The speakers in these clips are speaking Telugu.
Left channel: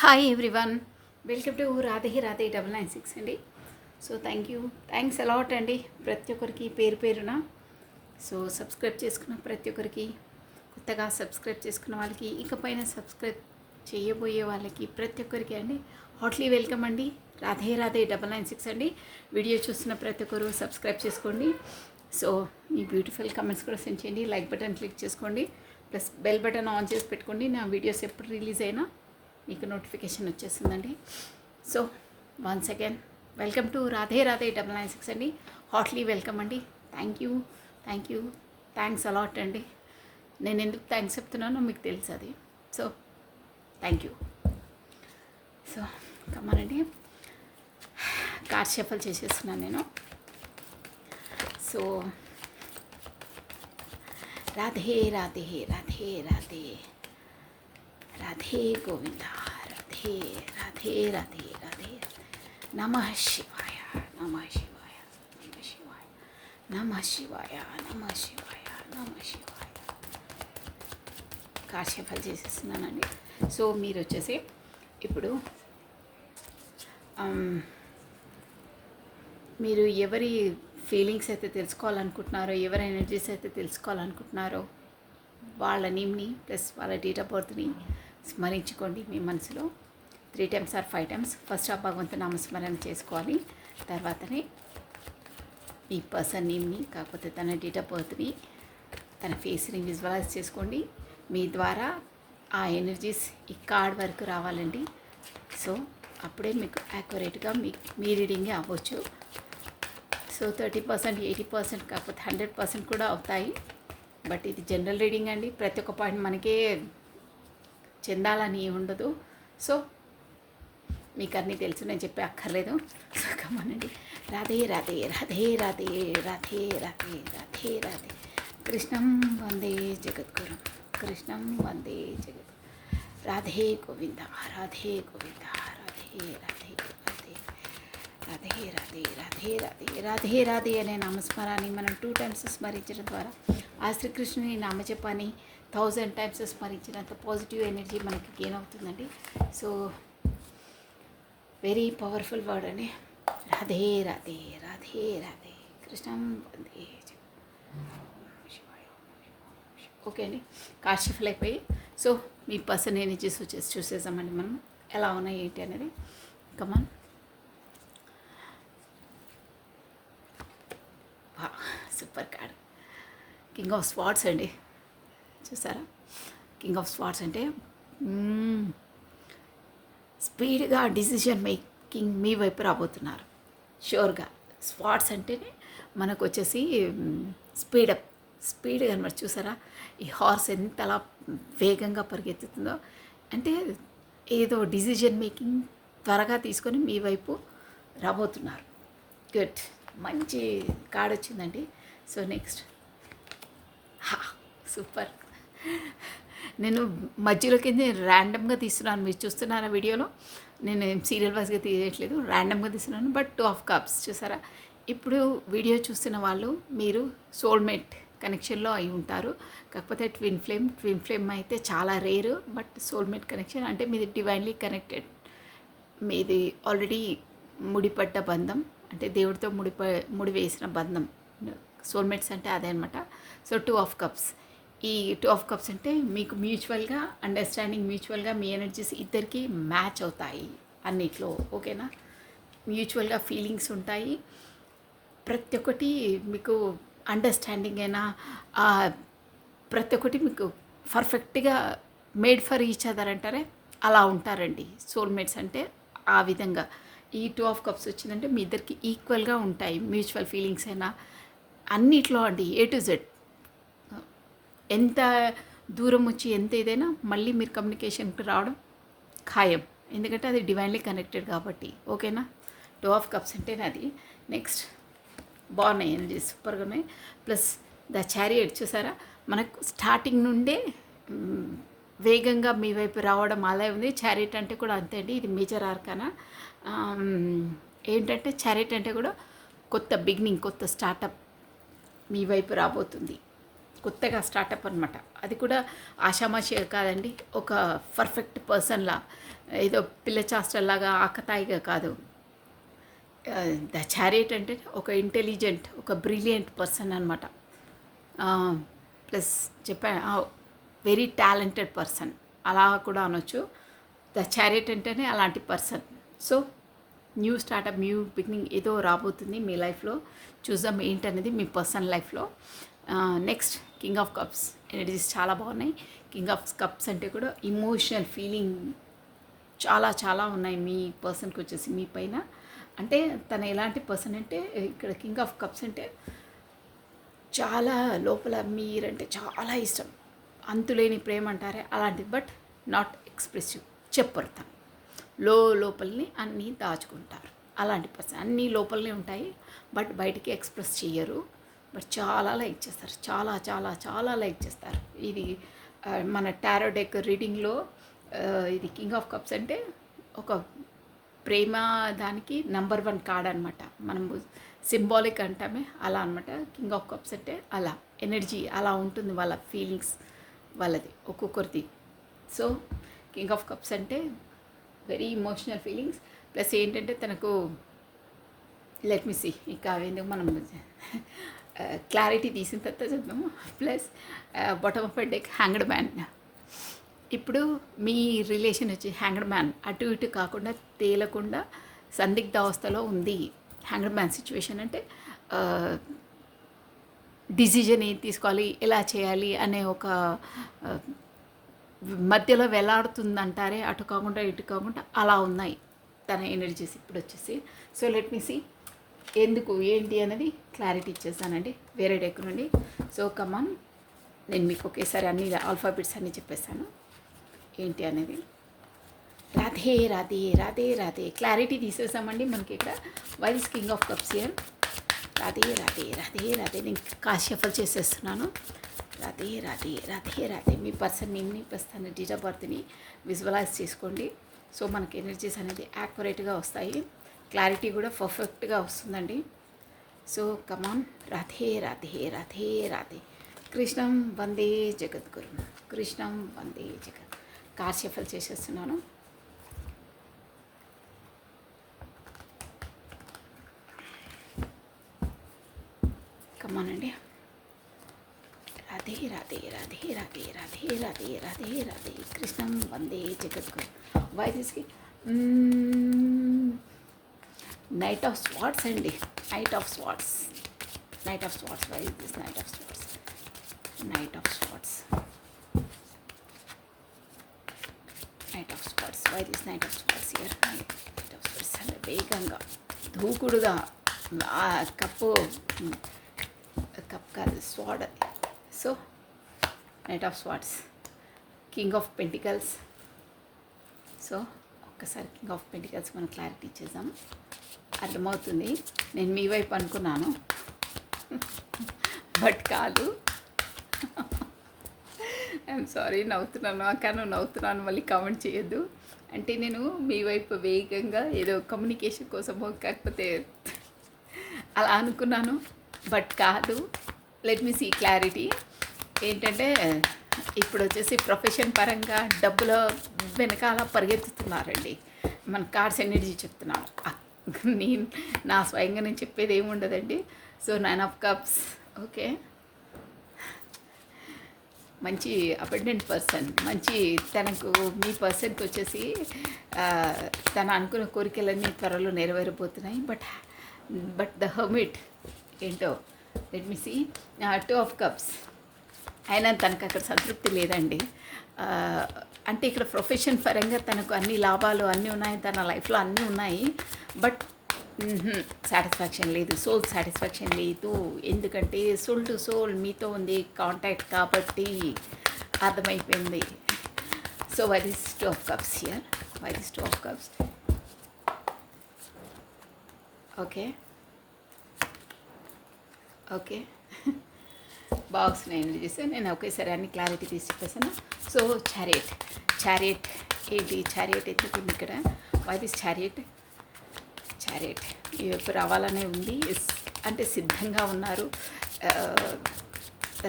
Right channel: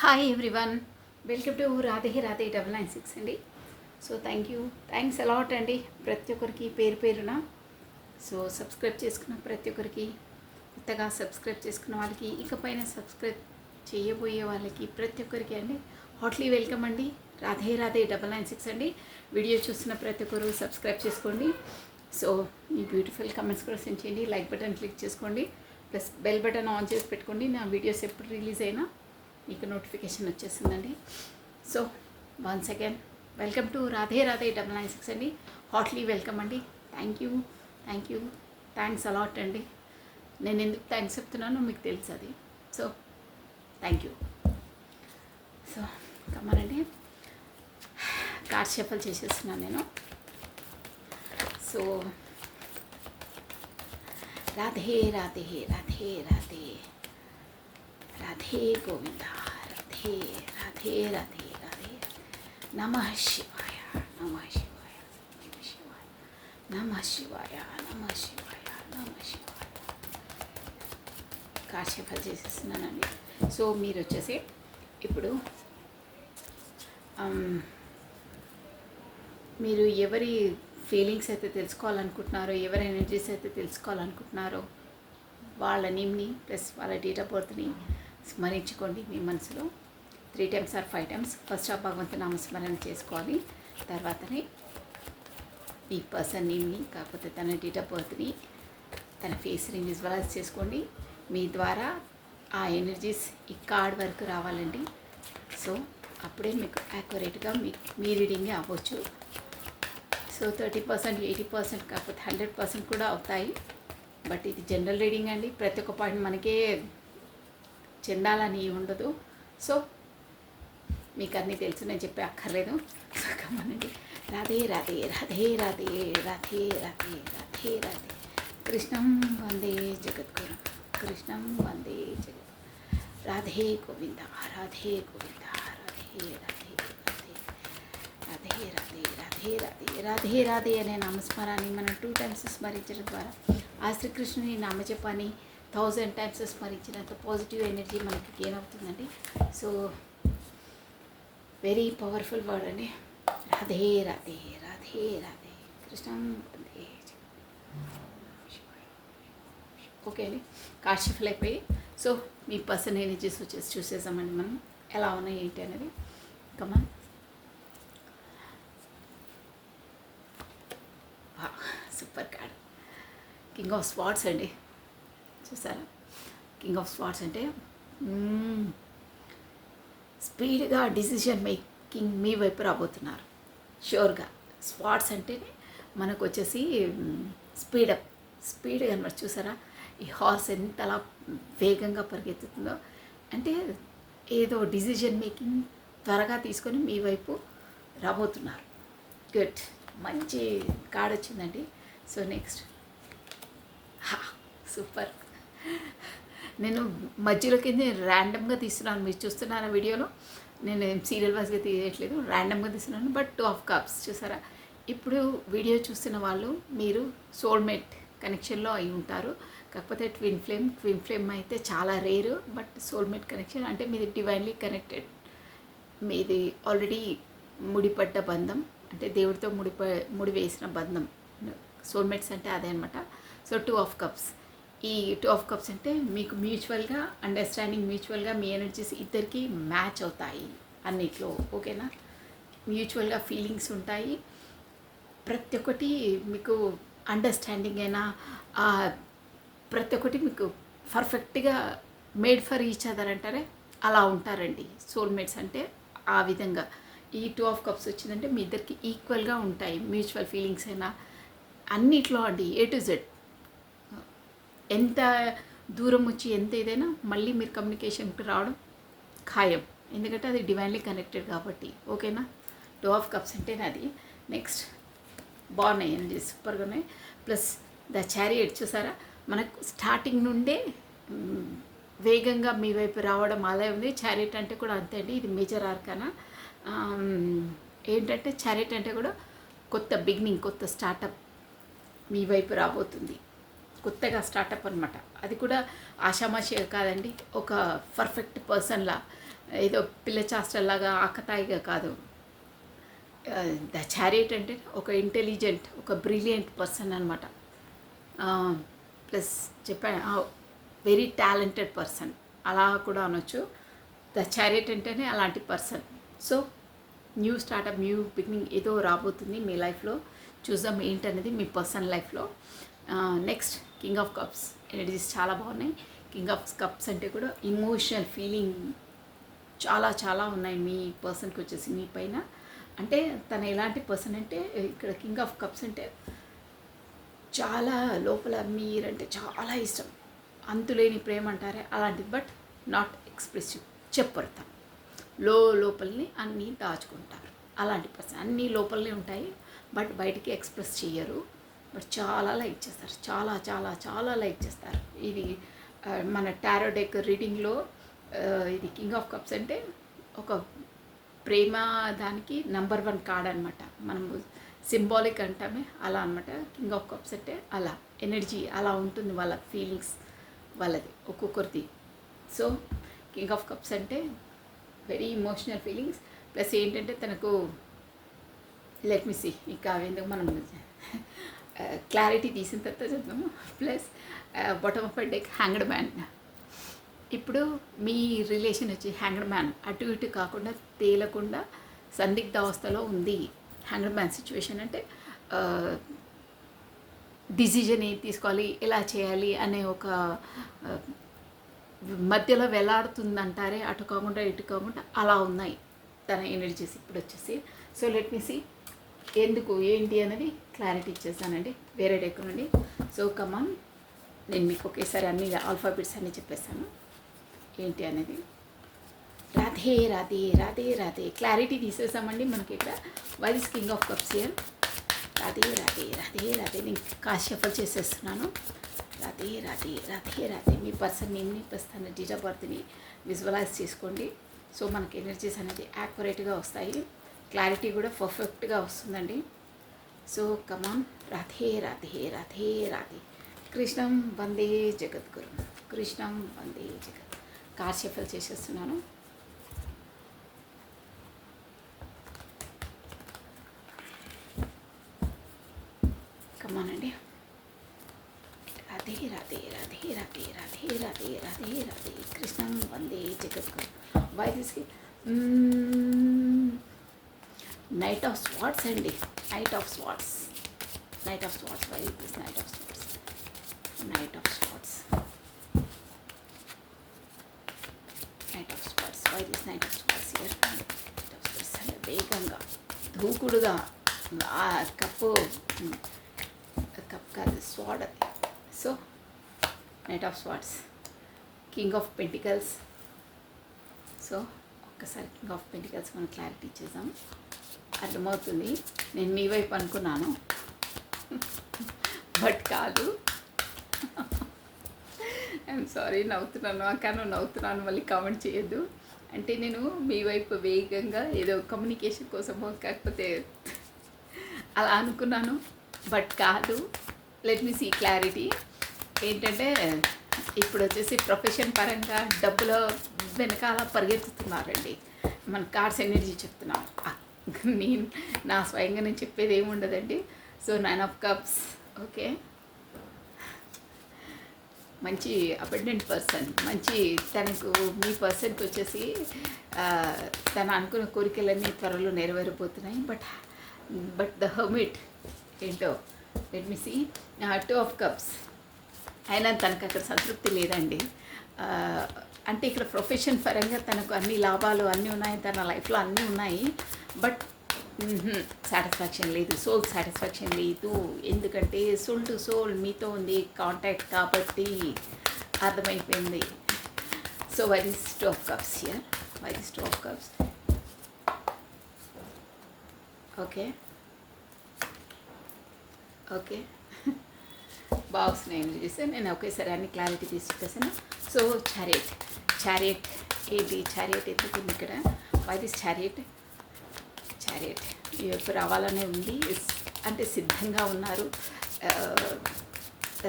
Hi everyone, welcome to Radhe Radhe 996 అండి. సో థ్యాంక్స్ అలాట్ అండి ప్రతి ఒక్కరికి పేరు పేరున. సో సబ్స్క్రైబ్ చేసుకున్న ప్రతి ఒక్కరికి, కొత్తగా సబ్స్క్రైబ్ చేసుకున్న వాళ్ళకి, ఇకపైన సబ్స్క్రైబ్ చేయబోయే వాళ్ళకి ప్రతి ఒక్కరికి అండి హాట్లీ వెల్కమ్ అండి. రాధే రాధే 996 అండి. వీడియో చూస్తున్న ప్రతి ఒక్కరు సబ్స్క్రైబ్ చేసుకోండి. సో మీ బ్యూటిఫుల్ కమెంట్స్ కూడా సెండ్ చేయండి, లైక్ బటన్ క్లిక్ చేసుకోండి, ప్లస్ బెల్ బటన్ ఆన్ చేసి పెట్టుకోండి. నా వీడియోస్ ఎప్పుడు రిలీజ్ అయినా మీకు నోటిఫికేషన్ వచ్చేసిందండి. So once again welcome to Radhe Radhe 996 అండి. హాట్లీ వెల్కమ్ అండి. థ్యాంక్స్ అలాట్ అండి. నేను ఎందుకు థ్యాంక్స్ చెప్తున్నానో మీకు తెలుసు అది. So thank you. సో కమ్మనండి, కార్డ్ షఫల్ చేసేస్తున్నాను నేను. సో రాధే రాధే రాధే రాధే రాధే గోవింద, రాధే రాధే రాధే రాధే. నమః శివాయ, నమః శివాయ, నమః శివాయ, నమః శివాయ, నమః శివాయ, నమః శివాయ. కాశీఫల్ చేసేస్తున్నానండి. సో మీరు వచ్చేసి ఇప్పుడు మీరు ఎవరి ఫీలింగ్స్ అయితే తెలుసుకోవాలనుకుంటున్నారో, ఎవరి ఎనర్జీస్ అయితే తెలుసుకోవాలనుకుంటున్నారో వాళ్ళ నేమ్ని ప్లస్ వాళ్ళ డేట్ ఆఫ్ బర్త్ని స్మరించుకోండి మీ మనసులో 3 times or 5 times. ఫస్ట్ ఆ భగవంతు నామస్మరణ చేసుకోవాలి. తర్వాతనే ఈ పర్సన్ నేమ్ని, కాకపోతే తన డేట్ ఆఫ్ బర్త్ని, తన ఫేస్ని విజువలైజ్ చేసుకోండి. మీ ద్వారా ఆ ఎనర్జీస్ ఈ కార్డ్ వరకు రావాలండి. సో అప్పుడే మీకు యాక్యురేట్గా మీ రీడింగే అవ్వచ్చు. సో 30%, 80%, కాకపోతే 100% కూడా అవుతాయి. బట్ ఇది జనరల్ రీడింగ్ అండి. ప్రతి ఒక్క పాయింట్ మనకే చెందాలని ఉండదు. సో మీకు అన్నీ తెలుసు, నేను చెప్పే అక్కర్లేదు. సో కమ్మనండి. రాధే రాధే రాధే రాధే రాధే రాధే రాధే రాధే. కృష్ణం వందే జగద్గురు, కృష్ణం వందే జగత్. రాధే గోవింద, రాధే గోవింద, రాధే రాధే రాధే రాధే రాధే రాధే రాధే రాధే రాధే అనే నామస్మరాన్ని మనం 2 times స్మరించడం ద్వారా ఆ శ్రీకృష్ణుని నామజపాన్ని 1000 times స్మరించినంత పాజిటివ్ ఎనర్జీ మనకి గెయిన్ అవుతుందండి. సో వెరీ పవర్ఫుల్ వర్డ్ అండి. రాధే రాధే రాధే రాధే కృష్ణం వందే. ఓకే అండి, కాశీఫల్ అయిపోయి. సో మీ పర్సన్ ఎనర్జీస్ వచ్చేసి చూసేసామండి మనం ఎలా ఉన్నాయి ఏంటి అనేది. Come on. Super card, king of swords అండి. చూసారా, కింగ్ ఆఫ్ స్వార్డ్స్ అంటే స్పీడ్గా డిసిషన్ మేకింగ్ మీ వైపు రాబోతున్నారు షూర్గా. స్వార్డ్స్ అంటేనే మనకు వచ్చేసి స్పీడ్ అనమాట. చూసారా, ఈ హార్స్ ఎంత అలా వేగంగా పరిగెత్తుతుందో, అంటే ఏదో డిసిషన్ మేకింగ్ త్వరగా తీసుకొని మీ వైపు రాబోతున్నారు. గుడ్, మంచి కార్డ్ వచ్చిందండి. So next, super. నేను మధ్యలోకి ర్యాండమ్గా తీస్తున్నాను, మీరు చూస్తున్నారా వీడియోలో. నేను సీరియల్ వైజ్గా తీయట్లేదు, ర్యాండమ్గా తీస్తున్నాను. బట్ 2 of cups చూసారా. ఇప్పుడు వీడియో చూస్తున్న వాళ్ళు మీరు సోల్మేట్ కనెక్షన్లో అయి ఉంటారు. కాకపోతే ట్విన్ ఫ్లేమ్ అయితే చాలా రేరు. బట్ సోల్మేట్ కనెక్షన్ అంటే మీది డివైన్లీ కనెక్టెడ్, మీది ఆల్రెడీ ముడిపడ్డ బంధం, అంటే దేవుడితో ముడివేసిన బంధం. సోల్మేట్స్ అంటే అదే అనమాట. So 2 of cups. ఈ 2 of cups అంటే మీకు మ్యూచువల్గా అండర్స్టాండింగ్, మ్యూచువల్గా మీ ఎనర్జీస్ ఇద్దరికి మ్యాచ్ అవుతాయి అన్నిట్లో. ఓకేనా, మ్యూచువల్గా ఫీలింగ్స్ ఉంటాయి. ప్రతి ఒక్కటి మీకు అండర్స్టాండింగ్ అయినా, ప్రతి ఒక్కటి మీకు పర్ఫెక్ట్గా మేడ్ ఫర్ ఈచ్ అదర్ అంటారే, అలా ఉంటారండి సోల్మేట్స్ అంటే. ఆ విధంగా ఈ 2 of cups వచ్చిందంటే మీ ఇద్దరికి ఈక్వల్గా ఉంటాయి మ్యూచువల్ ఫీలింగ్స్ అయినా అన్నిట్లో అండి. A to Z ఎంత దూరం వచ్చి ఎంత ఏదైనా మళ్ళీ మీరు కమ్యూనికేషన్కి రావడం ఖాయం, ఎందుకంటే అది డివైన్లీ కనెక్టెడ్ కాబట్టి. ఓకేనా, 2 of cups అంటేనే అది. నెక్స్ట్, బాగున్నాయి అండి, సూపర్గా ఉన్నాయి. ప్లస్ ద చారియట్ చూసారా, మనకు స్టార్టింగ్ నుండే వేగంగా మీ వైపు రావడం అలా ఉంది. చారియట్ అంటే కూడా అంతే అండి, ఇది మేజర్ ఆర్కానా. ఏంటంటే చారియట్ అంటే కూడా కొత్త బిగినింగ్, కొత్త స్టార్టప్ మీ వైపు రాబోతుంది. కొత్తగా స్టార్టప్ అనమాట. అది కూడా ఆషామాషిగా కాదండి, ఒక పర్ఫెక్ట్ పర్సన్లా ఏదో పిల్ల చాష్టల్లాగా ఆకతాయిగా కాదు. ద చారియట్ అంటే ఒక ఇంటెలిజెంట్, ఒక బ్రిలియంట్ పర్సన్ అనమాట. ప్లస్ చెప్పా, వెరీ టాలెంటెడ్ పర్సన్ అలా కూడా అనొచ్చు. ద చారియట్ అంటేనే అలాంటి person. So new startup, new beginning ఏదో రాబోతుంది మీ లైఫ్లో. చూద్దాం ఏంటనేది మీ పర్సనల్ లైఫ్లో. Next king of cups energies చాలా బాగున్నాయి. కింగ్ ఆఫ్ కప్స్ అంటే కూడా ఇమోషనల్ ఫీలింగ్ చాలా చాలా ఉన్నాయి మీ పర్సన్కి వచ్చేసి మీ పైన. అంటే తన ఎలాంటి పర్సన్ అంటే, ఇక్కడ కింగ్ ఆఫ్ కప్స్ అంటే చాలా లోపల మీరంటే చాలా ఇష్టం, అంతులేని ప్రేమ అంటారే అలాంటిది. బట్ నాట్ ఎక్స్ప్రెసివ్, చెప్పరు తను లోపలని అన్నీ దాచుకుంటారు. అలాంటి పర్సన్ అన్నీ లోపలనే ఉంటాయి, బట్ బయటికి ఎక్స్ప్రెస్ చేయరు. బట్ చాలా లైక్ చేస్తారు, చాలా చాలా చాలా లైక్ చేస్తారు. ఇది మన టారో డెక్ రీడింగ్లో ఇది కింగ్ ఆఫ్ కప్స్ అంటే ఒక ప్రేమ దానికి నంబర్ 1 కార్డ్ అనమాట. మనము సింబాలిక్ అంటామే అలా అనమాట. కింగ్ ఆఫ్ కప్స్ అంటే అలా ఎనర్జీ అలా ఉంటుంది, వాళ్ళ ఫీలింగ్స్ వాళ్ళది ఒక్కొక్కరిది. సో కింగ్ ఆఫ్ కప్స్ అంటే వెరీ ఇమోషనల్ ఫీలింగ్స్. ప్లస్ ఏంటంటే తనకు లెట్ మీ సీ, ఇంకా ఎందుకు మనం క్లారిటీ తీసిన తర్వాత చూద్దాము. Plus bottom of deck hanged man. ఇప్పుడు మీ రిలేషన్ వచ్చి హ్యాంగ్డ్ మ్యాన్, అటు ఇటు కాకుండా తేలకుండా సందిగ్ధ అవస్థలో ఉంది. హ్యాంగ్డ్ మ్యాన్ సిచ్యువేషన్ అంటే డిసిజన్ ఏం తీసుకోవాలి, ఎలా చేయాలి అనే ఒక మధ్యలో వేలాడుతుందంటారే, అటు కాకుండా ఇటు కాకుండా అలా ఉన్నాయి తన ఎనర్జీస్ ఇప్పుడు వచ్చేసి. సో లెట్ మీ సీ ఎందుకు ఏంటి అనేది క్లారిటీ ఇచ్చేస్తానండి వేరే డెక్ నుండి. సో కమాన్, నేను మీకు ఒకేసారి అన్ని ఆల్ఫాబెట్స్ అన్నీ చెప్పేస్తాను ఏంటి అనేది. రాధే రాధే రాధే రాధే క్లారిటీ తీసేసామండి మనకి ఇక్కడ. White is king of cups here. Radhe Radhe Radhe Radhe నేను షఫల్ చేసేస్తున్నాను. రాధే రాధే రాధే రాధే మీ పర్సన్ నేమ్ని ప్లస్ తన డేట్ ఆఫ్ బర్త్ని విజువలైజ్ చేసుకోండి. సో మనకి ఎనర్జీస్ అనేది యాక్యురేట్గా వస్తాయి, క్లారిటీ కూడా పర్ఫెక్ట్గా వస్తుందండి. సో కమాన్, రాధే రాధే రాధే రాధే కృష్ణం వందే జగద్గురు, కృష్ణం వందే జగత్. కార్ షఫల్ చేసేస్తున్నాను. కమానండి. రాధే రాధే రాధే రాధే రాధే రాధే రాధే రాధే కృష్ణం వందే జగద్గురు. వైదిస్కి నైట్ ఆఫ్ స్వాట్స్ అండి. Knight of swords, knight of swords. Why this knight of swords, knight of swords, knight of swords. Why this knight of swords here. Knight of swords అంటే వేగంగా దూకుడుగా కప్పు కాదు స్వాడ్ అది. So knight of swords, king of pentacles. So ఒక్కసారి కింగ్ ఆఫ్ పెంటికల్స్ మనం క్లారిటీ ఇచ్చేద్దాం, అర్థమవుతుంది. నేను మీ వైపు అనుకున్నాను బట్ కాదు. ఐఎమ్ సారీ, నవ్వుతున్నాను కానీ నవ్వుతున్నాను మళ్ళీ కామెంట్ చేయొద్దు. అంటే నేను మీ వైపు వేగంగా ఏదో కమ్యూనికేషన్ కోసమో కాకపోతే అలా అనుకున్నాను, బట్ కాదు. లెట్ మీ సీ క్లారిటీ ఏంటంటే, ఇప్పుడు వచ్చేసి ప్రొఫెషన్ పరంగా డబ్బుల వెనకాల పరిగెత్తుతున్నారండి. మన కార్డ్స్ ఎనర్జీ చెప్తున్నాం, నేను నా స్వయంగా నేను చెప్పేది ఏమి ఉండదండి. So 9 of cups, okay. మంచి అబెండెంట్ పర్సన్, మంచి తనకు మీ పర్సన్కి వచ్చేసి తను అనుకున్న కోరికలన్నీ త్వరలో నెరవేరబోతున్నాయి. బట్ ద హర్మిట్ ఏంటో let me see. 2 of cups అయినా తనకు అక్కడ సంతృప్తి లేదండి. అంటే ఇక్కడ ప్రొఫెషన్ పరంగా తనకు అన్ని లాభాలు అన్నీ ఉన్నాయి, తన లైఫ్లో అన్నీ ఉన్నాయి, బట్ సాటిస్ఫాక్షన్ లేదు, సోల్ సాటిస్ఫాక్షన్ లేదు. ఎందుకంటే సోల్ టు సోల్ మీతో ఉంది కాంటాక్ట్ కాబట్టి అర్థమైపోయింది. So why this 2 of cups here. Why this 2 of cups, okay okay. బాక్స్ని ఎండ్ చేస్తే నేను ఒకేసారి అన్ని క్లారిటీ తీసి చెప్పేసాను. సో చారియట్ ఏంటి, చారియట్ ఎందుకు ఇక్కడ. Why this chariot. ఎప్పుడు రావాలనే ఉంది, అంటే సిద్ధంగా ఉన్నారు,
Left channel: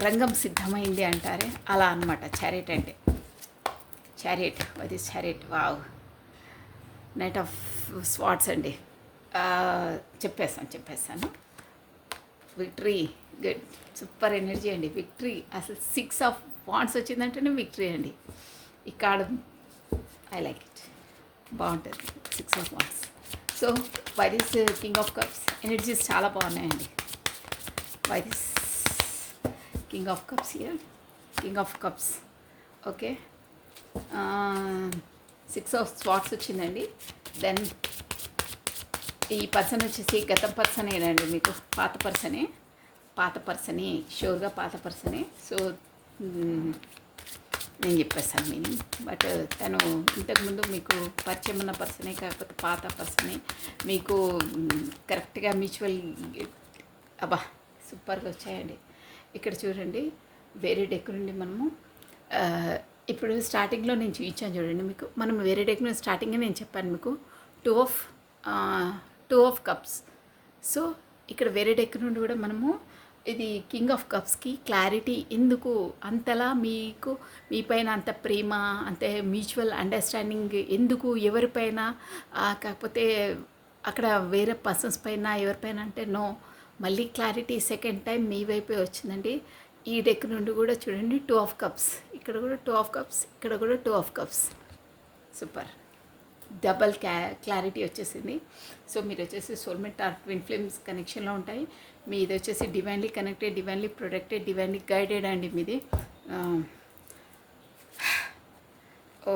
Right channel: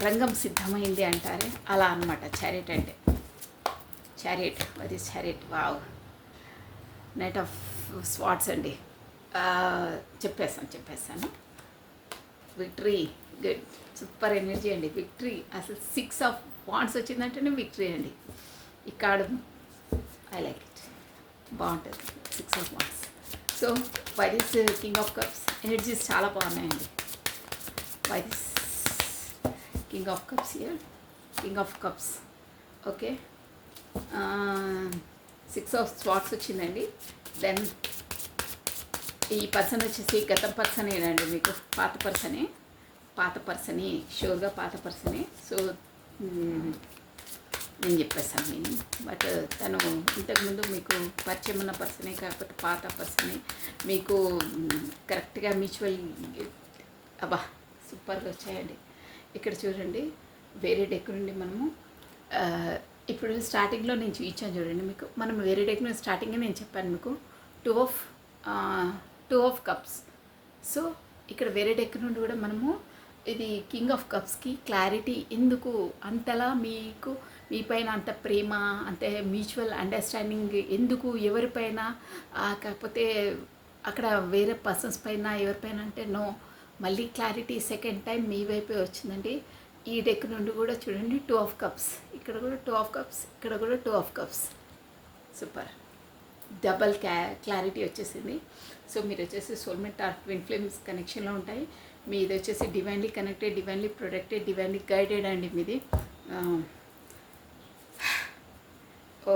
రంగం సిద్ధమైంది అంటారే అలా అనమాట చారియట్ అంటే. Chariot, why this chariot. Wow, knight of swords అండి. ఆ, చెప్పేస్తాను. విక్టరీ, గుడ్, సూపర్ ఎనర్జీ అండి. విక్టరీ అసలు 6 ఆఫ్ వాండ్స్ వచ్చిందంటేనే విక్టరీ అండి. ఈ కార్డు ఐ లైక్ ఇట్, బాగుంటుంది. 6 of wands. So why this king of cups energies చాలా బాగున్నాయండి. Why this king of cups here, king of cups. Okay, 6 of swords వచ్చిందండి. దెన్ ఈ పర్సన్ వచ్చేసి గత పర్సనేనండి, మీకు పాత పర్సనే, షూర్గా పాత పర్సనే. సో నేను చెప్పేస్తాను మీనింగ్. బట్ తను ఇంతకుముందు మీకు పరిచయం ఉన్న పర్సనే, కాకపోతే పాత పర్సనే. మీకు కరెక్ట్గా మ్యూచువల్, అబ్బా సూపర్గా వచ్చాయండి. ఇక్కడ చూడండి, వేరే డెక్ నుండి మనము ఇప్పుడు స్టార్టింగ్లో నేను చూపించాను చూడండి మీకు. మనం వేరే డెక్ నుండి స్టార్టింగ్గా నేను చెప్పాను మీకు టూ ఆఫ్ కప్స్. సో ఇక్కడ వేరే డెక్ నుండి కూడా మనము ఇది కింగ్ ఆఫ్ కప్స్కి క్లారిటీ ఎందుకు అంతలా మీకు మీ పైన అంత ప్రేమ, అంతే మ్యూచువల్ అండర్స్టాండింగ్ ఎందుకు ఎవరిపైన, కాకపోతే అక్కడ వేరే పర్సన్స్ పైన ఎవరిపైన అంటే నో, మళ్ళీ క్లారిటీ సెకండ్ టైం మీ వైపే వచ్చిందండి. ఈ డెక్ నుండి కూడా చూడండి 2 ఆఫ్ కప్స్, ఇక్కడ కూడా 2 ఆఫ్ కప్స్, ఇక్కడ కూడా 2 of cups. Super, double clarity వచ్చేసింది. సో మీరు వచ్చేసి సోల్మేట్ ఆర్ ట్విన్ ఫ్లేమ్స్ కనెక్షన్లో ఉంటాయి. మీది వచ్చేసి divinely connected, divinely protected, divinely guided అండి మీది. ఓ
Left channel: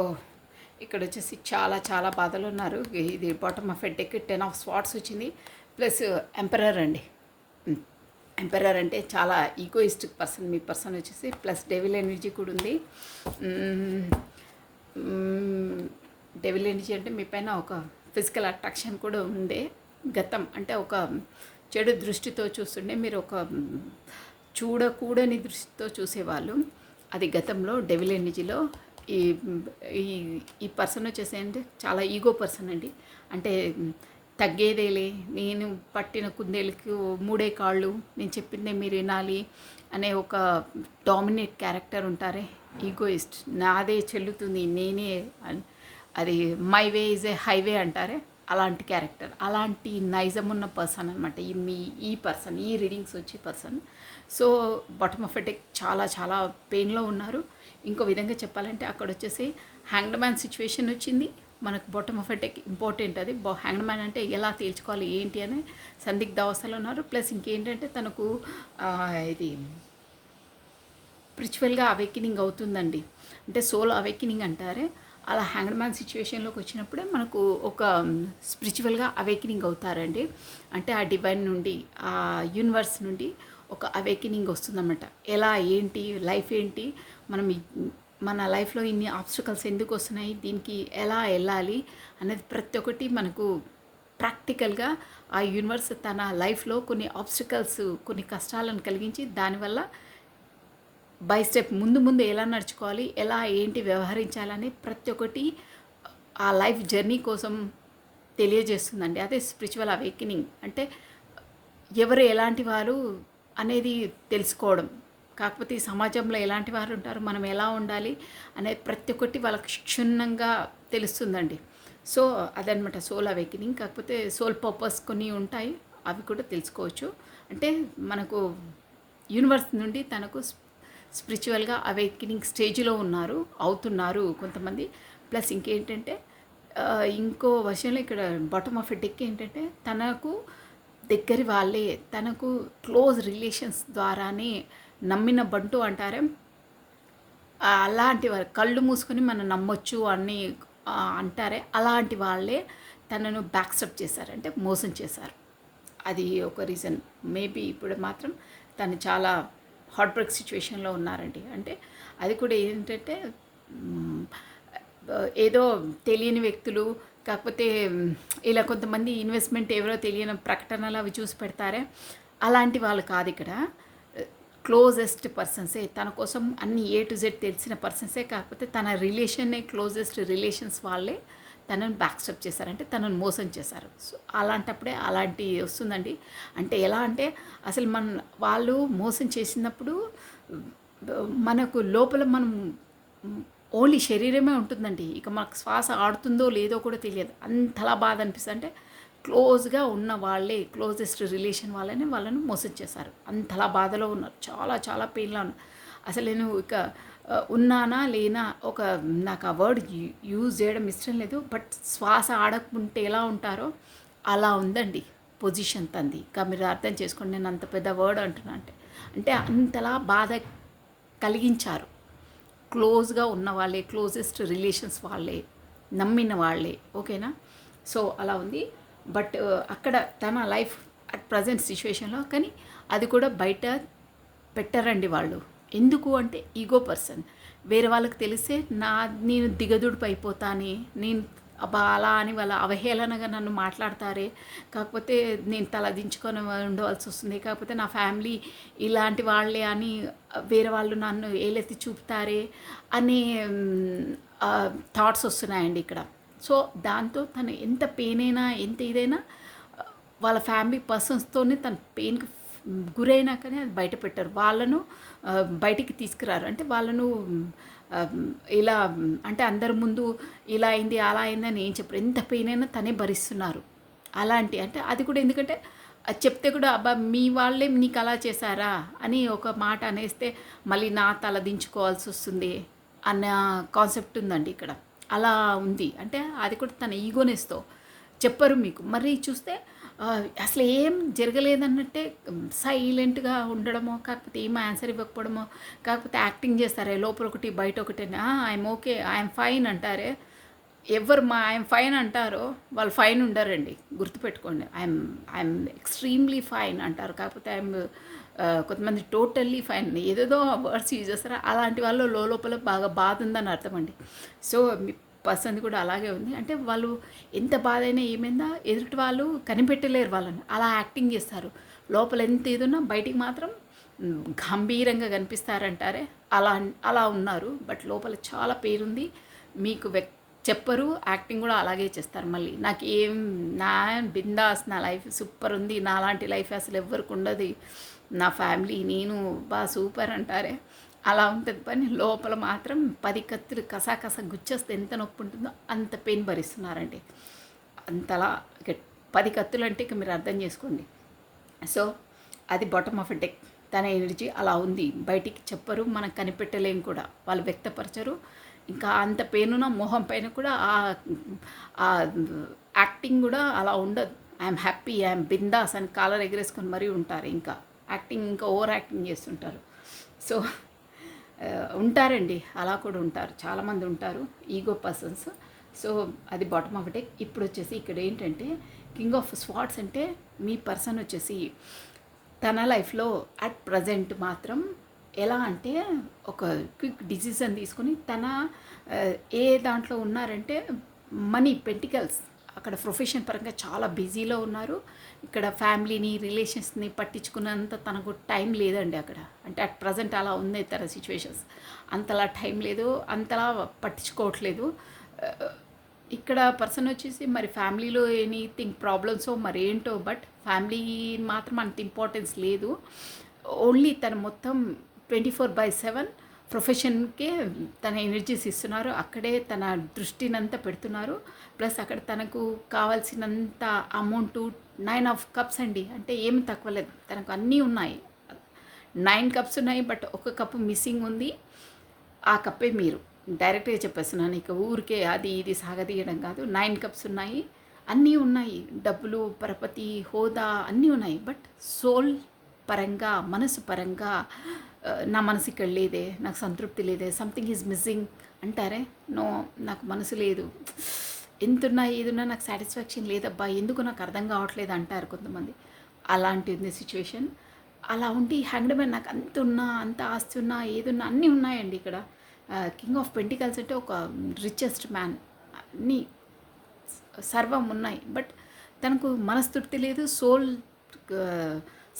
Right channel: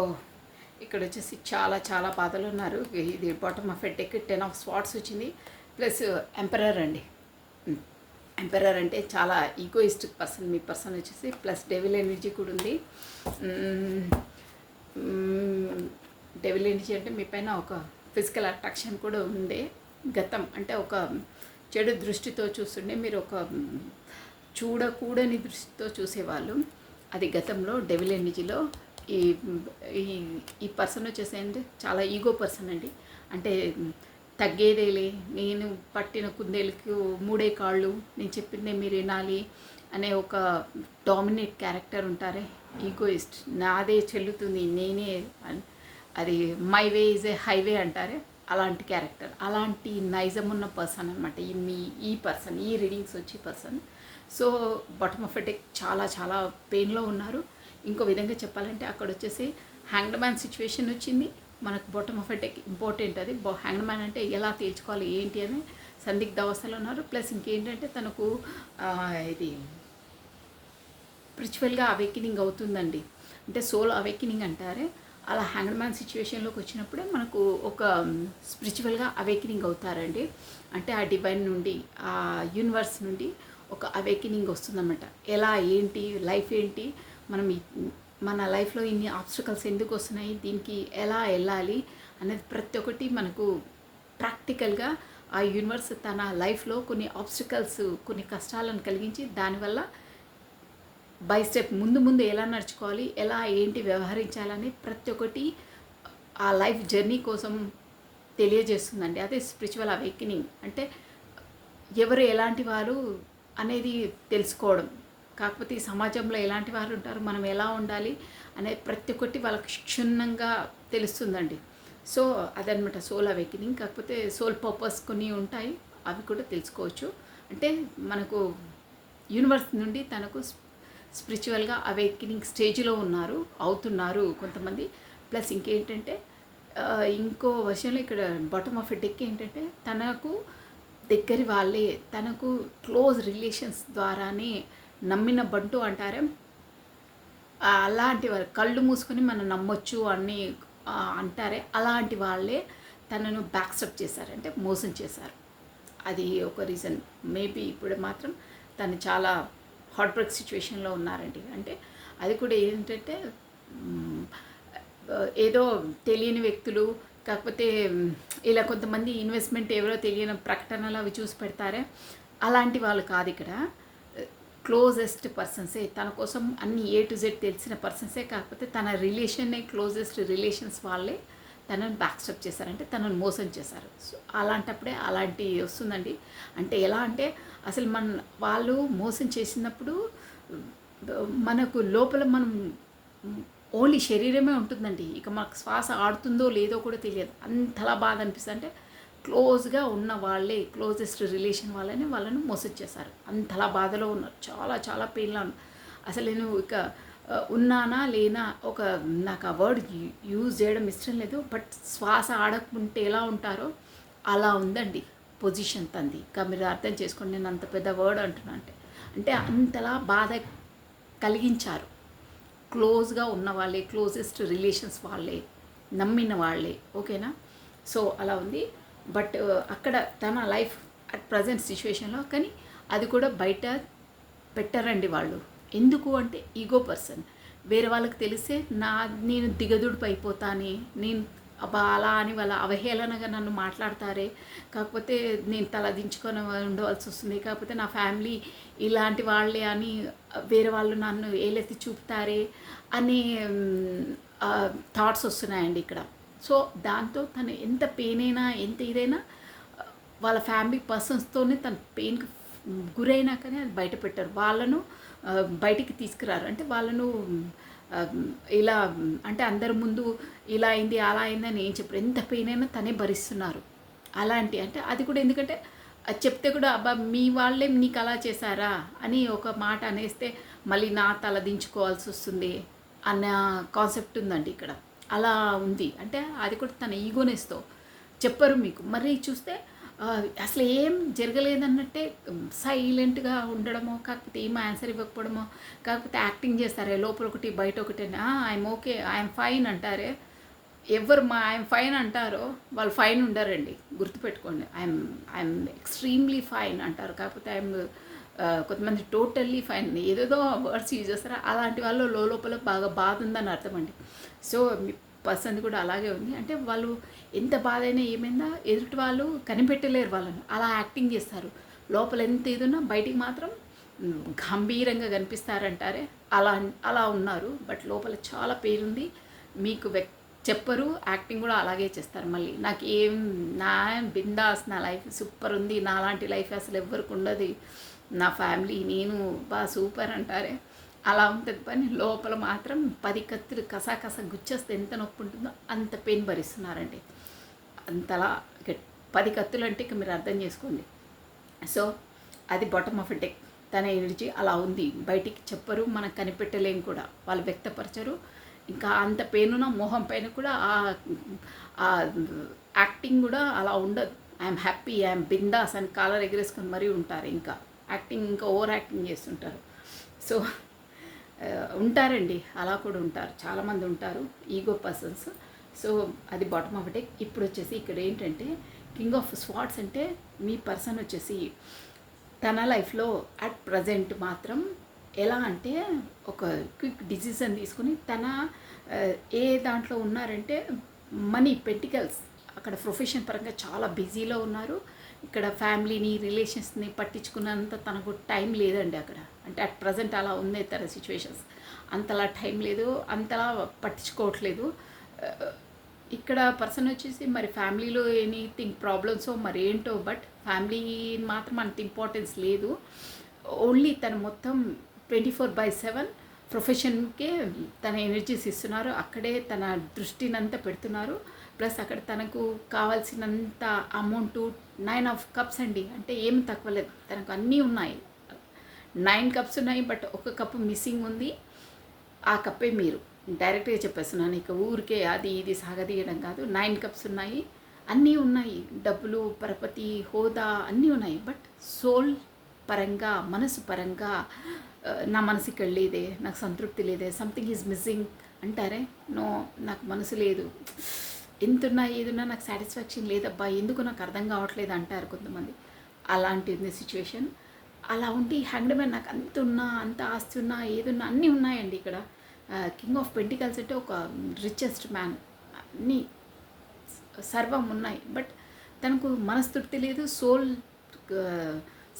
ఇక్కడ వచ్చేసి చాలా చాలా బాధలు ఉన్నారు. ఇది bottom of a deck 10 of swords వచ్చింది, ప్లస్ ఎంపరర్ అండి. ఎంపరర్ అంటే చాలా ఈగోయిస్టిక్ పర్సన్ మీ పర్సన్ వచ్చేసి, ప్లస్ డెవిల్ ఎనర్జీ కూడా ఉంది. డెవిల్ ఎనర్జీ అంటే మీ పైన ఒక ఫిజికల్ అట్రాక్షన్ కూడా ఉంది. గతం అంటే ఒక చెడు దృష్టితో చూస్తుండే, మీరు ఒక చూడకూడని దృష్టితో చూసేవాళ్ళు. అది గతంలో డెవిల్ ఎనర్జీలో. ఈ ఈ పర్సన్ వచ్చేసి అంటే చాలా ఈగో పర్సన్ అండి. అంటే తగ్గేదేలే, నేను పట్టిన కుందేలుకి 3 కాళ్ళు, నేను చెప్పిందే మీరు వినాలి అనే ఒక డామినేట్ క్యారెక్టర్ ఉంటారే, ఈగోయిస్ట్. నాదే చెల్లుతుంది, నేనే, అది my way is a highway అంటారే, అలాంటి క్యారెక్టర్, అలాంటి నైజం ఉన్న పర్సన్ అనమాట ఈ పర్సన్, ఈ రీడింగ్స్ వచ్చి person. So bottom of a deck చాలా చాలా పెయిన్లో ఉన్నారు. ఇంకో విధంగా చెప్పాలంటే అక్కడ వచ్చేసి హ్యాంగ్డ్ మ్యాన్ సిచ్యువేషన్ వచ్చింది మనకు. Bottom of a deck important, అది హ్యాంగ్డ్ మ్యాన్ అంటే ఎలా తేల్చుకోవాలి ఏంటి అని సందిగ్ధ అవస్థలో ఉన్నారు. ప్లస్ ఇంకేంటంటే తనకు ఇది స్పిరిచువల్గా అవేకినింగ్ అవుతుందండి, అంటే సోల్ అవేకినింగ్ అంటారే, అలా హ్యాంగ్డ్ మ్యాన్ సిచ్యువేషన్లోకి వచ్చినప్పుడే మనకు ఒక స్పిరిచువల్గా అవేకినింగ్ అవుతారండి. అంటే ఆ డివైన్ నుండి, ఆ యూనివర్స్ నుండి ఒక అవేకినింగ్ వస్తుందన్నమాట. ఎలా ఏంటి లైఫ్ ఏంటి, మనం మన లైఫ్లో ఇన్ని ఆబ్స్టికల్స్ ఎందుకు వస్తున్నాయి, దీనికి ఎలా వెళ్ళాలి అనేది ప్రతి ఒక్కటి మనకు ప్రాక్టికల్గా ఆ యూనివర్స్ తన లైఫ్లో కొన్ని ఆబ్స్టికల్స్, కొన్ని కష్టాలను కలిగించి దానివల్ల బై స్టెప్ ముందు ఎలా నడుచుకోవాలి, ఎలా ఏంటి వ్యవహరించాలని ప్రతి ఒక్కటి ఆ లైఫ్ జర్నీ కోసం తెలియజేస్తుందండి. అదే స్పిరిచువల్ అవేకినింగ్ అంటే ఎవరు ఎలాంటి వారు అనేది తెలుసుకోవడం. కాకపోతే ఈ సమాజంలో ఎలాంటి వారు ఉంటారు, మనం ఎలా ఉండాలి అనేది ప్రతి ఒక్కటి వాళ్ళకి క్షుణ్ణంగా తెలుస్తుందండి. సో అదనమాట సోల్ అవేకినింగ్. కాకపోతే సోల్ పర్పస్ కొన్ని ఉంటాయి, అవి కూడా తెలుసుకోవచ్చు. అంటే మనకు యూనివర్స్ నుండి తనకు స్పిరిచువల్గా అవేకినింగ్ స్టేజ్లో అవుతున్నారు కొంతమంది. ప్లస్ ఇంకేంటంటే ఇంకో వర్షన్లో ఇక్కడ బాటమ్ ఆఫ్ ఎ డెక్ ఏంటంటే తనకు దగ్గరి వాళ్ళే, తనకు క్లోజ్ రిలేషన్స్ ద్వారానే నమ్మిన బంటు అంటారే, అలాంటి వారు కళ్ళు మూసుకొని మనం నమ్మొచ్చు అని అంటారే, అలాంటి వాళ్ళే తనను బ్యాక్స్టప్ చేశారు, అంటే మోసం చేశారు. అది ఒక రీజన్. మేబీ ఇప్పుడు మాత్రం తను చాలా హార్ట్ బ్రేక్ సిచ్యువేషన్లో ఉన్నారండి. అంటే అది కూడా ఏంటంటే ఏదో తెలియని వ్యక్తులు, కాకపోతే ఇలా కొంతమంది ఇన్వెస్ట్మెంట్ ఎవరో తెలియని ప్రకటనలు అవి చూసి పెడతారే, అలాంటి వాళ్ళు కాదు. ఇక్కడ క్లోజెస్ట్ పర్సన్సే, తన కోసం అన్ని A to Z తెలిసిన పర్సన్సే, కాకపోతే తన రిలేషన్నే క్లోజెస్ట్ రిలేషన్స్ వాళ్ళే తనను బ్యాక్స్టప్ చేశారంటే తనను మోసం చేశారు. సో అలాంటప్పుడే అలాంటి వస్తుందండి. అంటే ఎలా అంటే అసలు వాళ్ళు మోసం చేసినప్పుడు మనకు లోపల మనం ఓన్లీ శరీరమే ఉంటుందండి. ఇక మాకు శ్వాస ఆడుతుందో లేదో కూడా తెలియదు. అంతలా బాధ అనిపిస్తుంది. అంటే క్లోజ్‌గా ఉన్న వాళ్ళే, క్లోజెస్ట్ రిలేషన్ వాళ్ళని వాళ్ళను మోసం చేశారు. అంతలా బాధలో ఉన్నారు. చాలా చాలా పెయిన్‌లో ఉన్నారు. అసలు నేను ఇక ఉన్నానా లేనా నాకు ఆ వర్డ్ యూజ్ చేయడం ఇష్టం లేదు. బట్ శ్వాస ఆడకుంటే ఎలా ఉంటారో అలా ఉందండి పొజిషన్ తంది. ఇక మీరు అర్థం చేసుకోండి నేను అంత పెద్ద వర్డ్ అంటున్నా అంటే. అంటే అంతలా బాధ కలిగించారు. క్లోజ్గా ఉన్న వాళ్ళే, క్లోజెస్ట్ రిలేషన్స్ వాళ్ళే, నమ్మిన వాళ్ళే. ఓకేనా? సో అలా ఉంది. బట్ అక్కడ తన లైఫ్ అట్ ప్రజెంట్ సిచ్యువేషన్లో కానీ అది కూడా బయట పెట్టరండి వాళ్ళు. ఎందుకు అంటే ఈగో పర్సన్. వేరే వాళ్ళకి తెలిస్తే నేను దిగదుడిపి అయిపోతానే, నేను అబ్బా అలా అని వాళ్ళ అవహేళనగా నన్ను మాట్లాడతారే, కాకపోతే నేను తలదించుకొని ఉండవలసి వస్తుంది, కాకపోతే నా ఫ్యామిలీ ఇలాంటి వాళ్ళే అని వేరే వాళ్ళు నన్ను ఏలెత్తి చూపుతారే అనే థాట్స్ వస్తున్నాయండి ఇక్కడ. సో దాంతో తను ఎంత పెయిన్ అయినా ఎంత ఇదైనా వాళ్ళ ఫ్యామిలీ పర్సన్స్తోనే తన పెయిన్కి గురైనా కానీ అది బయట పెట్టారు. వాళ్ళను బయటికి తీసుకురారు. అంటే వాళ్ళను ఇలా అంటే అందరి ముందు ఇలా అయింది అలా అయిందని ఏం చెప్పారు. ఎంత పెయిన్ అయినా తనే భరిస్తున్నారు. అలాంటి అంటే అది కూడా ఎందుకంటే అది చెప్తే కూడా అబ్బా మీ వాళ్ళే నీకు అలా చేశారా అని ఒక మాట అనేస్తే మళ్ళీ నా తల దించుకోవాల్సి వస్తుంది అన్న కాన్సెప్ట్ ఉందండి ఇక్కడ. అలా ఉంది. అంటే అది కూడా తన ఈగోనెస్తో చెప్పరు మీకు. మరి చూస్తే అసలు ఏం జరగలేదన్నట్టే సైలెంట్గా ఉండడమో, కాకపోతే ఏం ఆన్సర్ ఇవ్వకపోవడమో, కాకపోతే యాక్టింగ్ చేస్తారే లోపల ఒకటి బయట ఒకటి ఐఎమ్ ఓకే ఐఎమ్ ఫైన్ అంటారే. ఎవరు ఐఎమ్ ఫైన్ అంటారో వాళ్ళు ఫైన్ ఉండరండి, గుర్తుపెట్టుకోండి. ఐఎమ్ ఎక్స్ట్రీమ్లీ ఫైన్ అంటారు, కాకపోతే కొంతమంది టోటల్లీ ఫైన్ ఏదేదో వర్డ్స్ యూజ్ చేస్తారో అలాంటి వాళ్ళు లోపల బాగా బాధ ఉందని అర్థం అండి. సో మీ పర్సన్ కూడా అలాగే ఉంది. అంటే వాళ్ళు ఎంత బాధ అయినా ఏమైందా ఎదుటి వాళ్ళు కనిపెట్టలేరు వాళ్ళని, అలా యాక్టింగ్ చేస్తారు. లోపల ఎంత ఏదున్నా బయటికి మాత్రం గంభీరంగా కనిపిస్తారంటారే అలా అలా ఉన్నారు. బట్ లోపల చాలా పేరుంది. మీకు చెప్పరు, యాక్టింగ్ కూడా అలాగే చేస్తారు. మళ్ళీ నాకు ఏం నా బిందాస్, నా లైఫ్ సూపర్ ఉంది, నాలాంటి లైఫ్ అసలు ఎవరికి ఉండదు, నా ఫ్యామిలీ నేను బాగా సూపర్ అంటారే అలా ఉంటుంది. పని లోపల మాత్రం 10 కత్తులు కసా గుచ్చేస్తే ఎంత నొప్పి ఉంటుందో అంత పెయిన్ భరిస్తున్నారండి. అంతలా 10 కత్తులు అంటే ఇక మీరు అర్థం చేసుకోండి. సో అది బాటమ్ ఆఫ్ డెక్. తన ఎనర్జీ అలా ఉంది. బయటికి చెప్పరు, మనం కనిపెట్టలేము కూడా, వాళ్ళు వ్యక్తపరచరు. ఇంకా అంత పెయిన్ మొహం పైన కూడా ఆ యాక్టింగ్ కూడా అలా ఉండదు. ఐఎమ్ హ్యాపీ, ఐఎమ్ బిందాస్ అని కాలర్ ఎగరేసుకొని మరీ ఉంటారు. ఇంకా యాక్టింగ్ ఇంకా ఓవర్ యాక్టింగ్ చేస్తుంటారు. సో ఉంటారండి, అలా కూడా ఉంటారు, చాలామంది ఉంటారు ఈగో పర్సన్స్. సో అది బాటమ్ ఆఫ్ డెక్. ఇప్పుడు వచ్చేసి ఇక్కడ ఏంటంటే కింగ్ ఆఫ్ స్వార్డ్స్ అంటే మీ పర్సన్ వచ్చేసి తన లైఫ్లో అట్ ప్రజెంట్ మాత్రం ఎలా అంటే ఒక క్విక్ డిసిజన్ తీసుకుని తన ఏ దాంట్లో ఉన్నారంటే మనీ, పెంటికల్స్, అక్కడ ప్రొఫెషన్ పరంగా చాలా బిజీలో ఉన్నారు. ఇక్కడ ఫ్యామిలీని రిలేషన్స్ని పట్టించుకున్నంత తనకు టైం లేదండి అక్కడ. అంటే అట్ ప్రజెంట్ అలా ఉంది తన సిచ్యువేషన్స్. అంతలా టైం లేదు, అంతలా పట్టించుకోవట్లేదు. ఇక్కడ పర్సన్ వచ్చేసి మరి ఫ్యామిలీలో ఎనీథింగ్ ప్రాబ్లమ్సో మరి ఏంటో, బట్ ఫ్యామిలీ మాత్రం అంత ఇంపార్టెన్స్ లేదు. ఓన్లీ తను మొత్తం 24/7 ప్రొఫెషన్కే తన ఎనర్జీస్ ఇస్తున్నారు. అక్కడే తన దృష్టినంతా పెడుతున్నారు. ప్లస్ అక్కడ తనకు కావాల్సినంత అమౌంటు 9 ఆఫ్ కప్స్ అండి. అంటే ఏం తక్కువ లేదు, తనకు అన్నీ ఉన్నాయి. 9 కప్స్ ఉన్నాయి, బట్ ఒక కప్పు మిస్సింగ్ ఉంది. ఆ కప్పే మీరు డైరెక్ట్గా చెప్పేస్తున్నాను, ఇక ఊరికే అది ఇది సాగదీయడం కాదు. 9 కప్స్ ఉన్నాయి, అన్నీ ఉన్నాయి, డబ్బులు, పరపతి, హోదా అన్నీ ఉన్నాయి. బట్ సోల్ పరంగా, మనసు పరంగా నా మనసు ఇక్కడ లేదే, నాకు సంతృప్తి లేదే, సంథింగ్ ఈజ్ మిస్సింగ్ అంటారే. నో, నాకు మనసు లేదు, ఎంతున్నా ఏదున్నా నాకు సాటిస్ఫాక్షన్ లేదబ్బా, ఎందుకు నాకు అర్థం కావట్లేదు అంటారు కొంతమంది. అలాంటిది సిచ్యువేషన్. అలా ఉండి హ్యాంగ్డ్ మ్యాన్ నాకు అంత ఉన్నా, అంత ఆస్తి ఉన్నా, ఏదున్నా అన్నీ ఉన్నాయండి ఇక్కడ. కింగ్ ఆఫ్ పెంటికల్స్ అంటే ఒక రిచెస్ట్ మ్యాన్, అన్నీ సర్వం ఉన్నాయి. బట్ తనకు మనస్తృప్తి లేదు, సోల్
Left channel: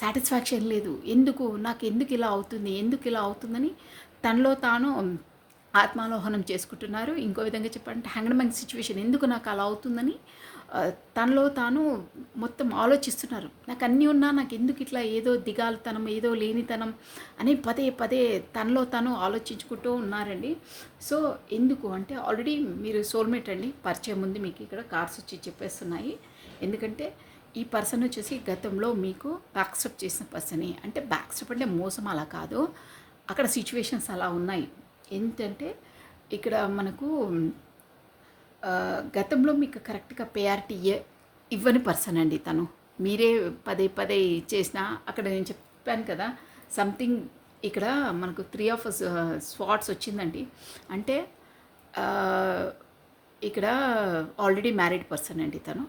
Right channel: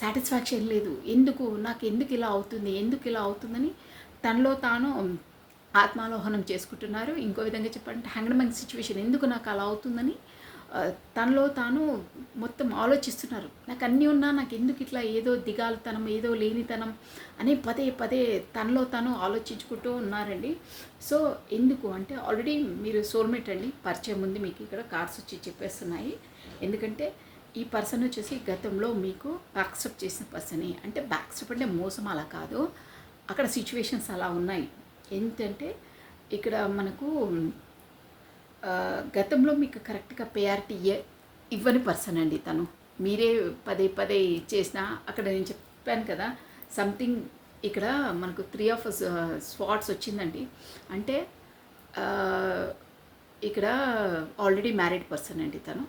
సాటిస్ఫాక్షన్ లేదు. నాకు ఎందుకు ఇలా అవుతుంది, ఎందుకు ఇలా అవుతుందని తనలో తాను ఆత్మాలోహనం చేసుకుంటున్నారు. ఇంకో విధంగా చెప్పాలంటే హ్యాంగ్డ్ మ్యాన్ సిచ్యువేషన్, ఎందుకు నాకు అలా అవుతుందని తనలో తాను మొత్తం ఆలోచిస్తున్నారు. నాకు అన్నీ ఉన్నా నాకు ఎందుకు ఇట్లా ఏదో దిగాలుతనం, ఏదో లేనితనం అని పదే పదే తనలో తాను ఆలోచించుకుంటూ ఉన్నారండి. సో ఎందుకు అంటే ఆల్రెడీ మీరు సోల్మేట్ అండి, పరిచయం ఉంది మీకు. ఇక్కడ కార్డ్స్ వచ్చి చెప్పేస్తున్నాయి. ఎందుకంటే ఈ పర్సన్ వచ్చేసి గతంలో మీకు బ్యాక్ స్టెప్ చేసిన పర్సనే. అంటే బ్యాక్ స్టెప్ అంటే మోసం అలా కాదు, అక్కడ సిచ్యువేషన్స్ అలా ఉన్నాయి. ఏంటంటే ఇక్కడ మనకు గతంలో మీకు కరెక్ట్గా ప్రయారిటీ ఇవ్వని పర్సన్ అండి తను. మీరే పదే పదే చేసినా అక్కడ నేను చెప్పాను కదా సంథింగ్. ఇక్కడ మనకు 3 ఆఫ్ స్వాట్స్ వచ్చిందండి. అంటే ఇక్కడ ఆల్రెడీ మ్యారీడ్ పర్సన్ అండి తను.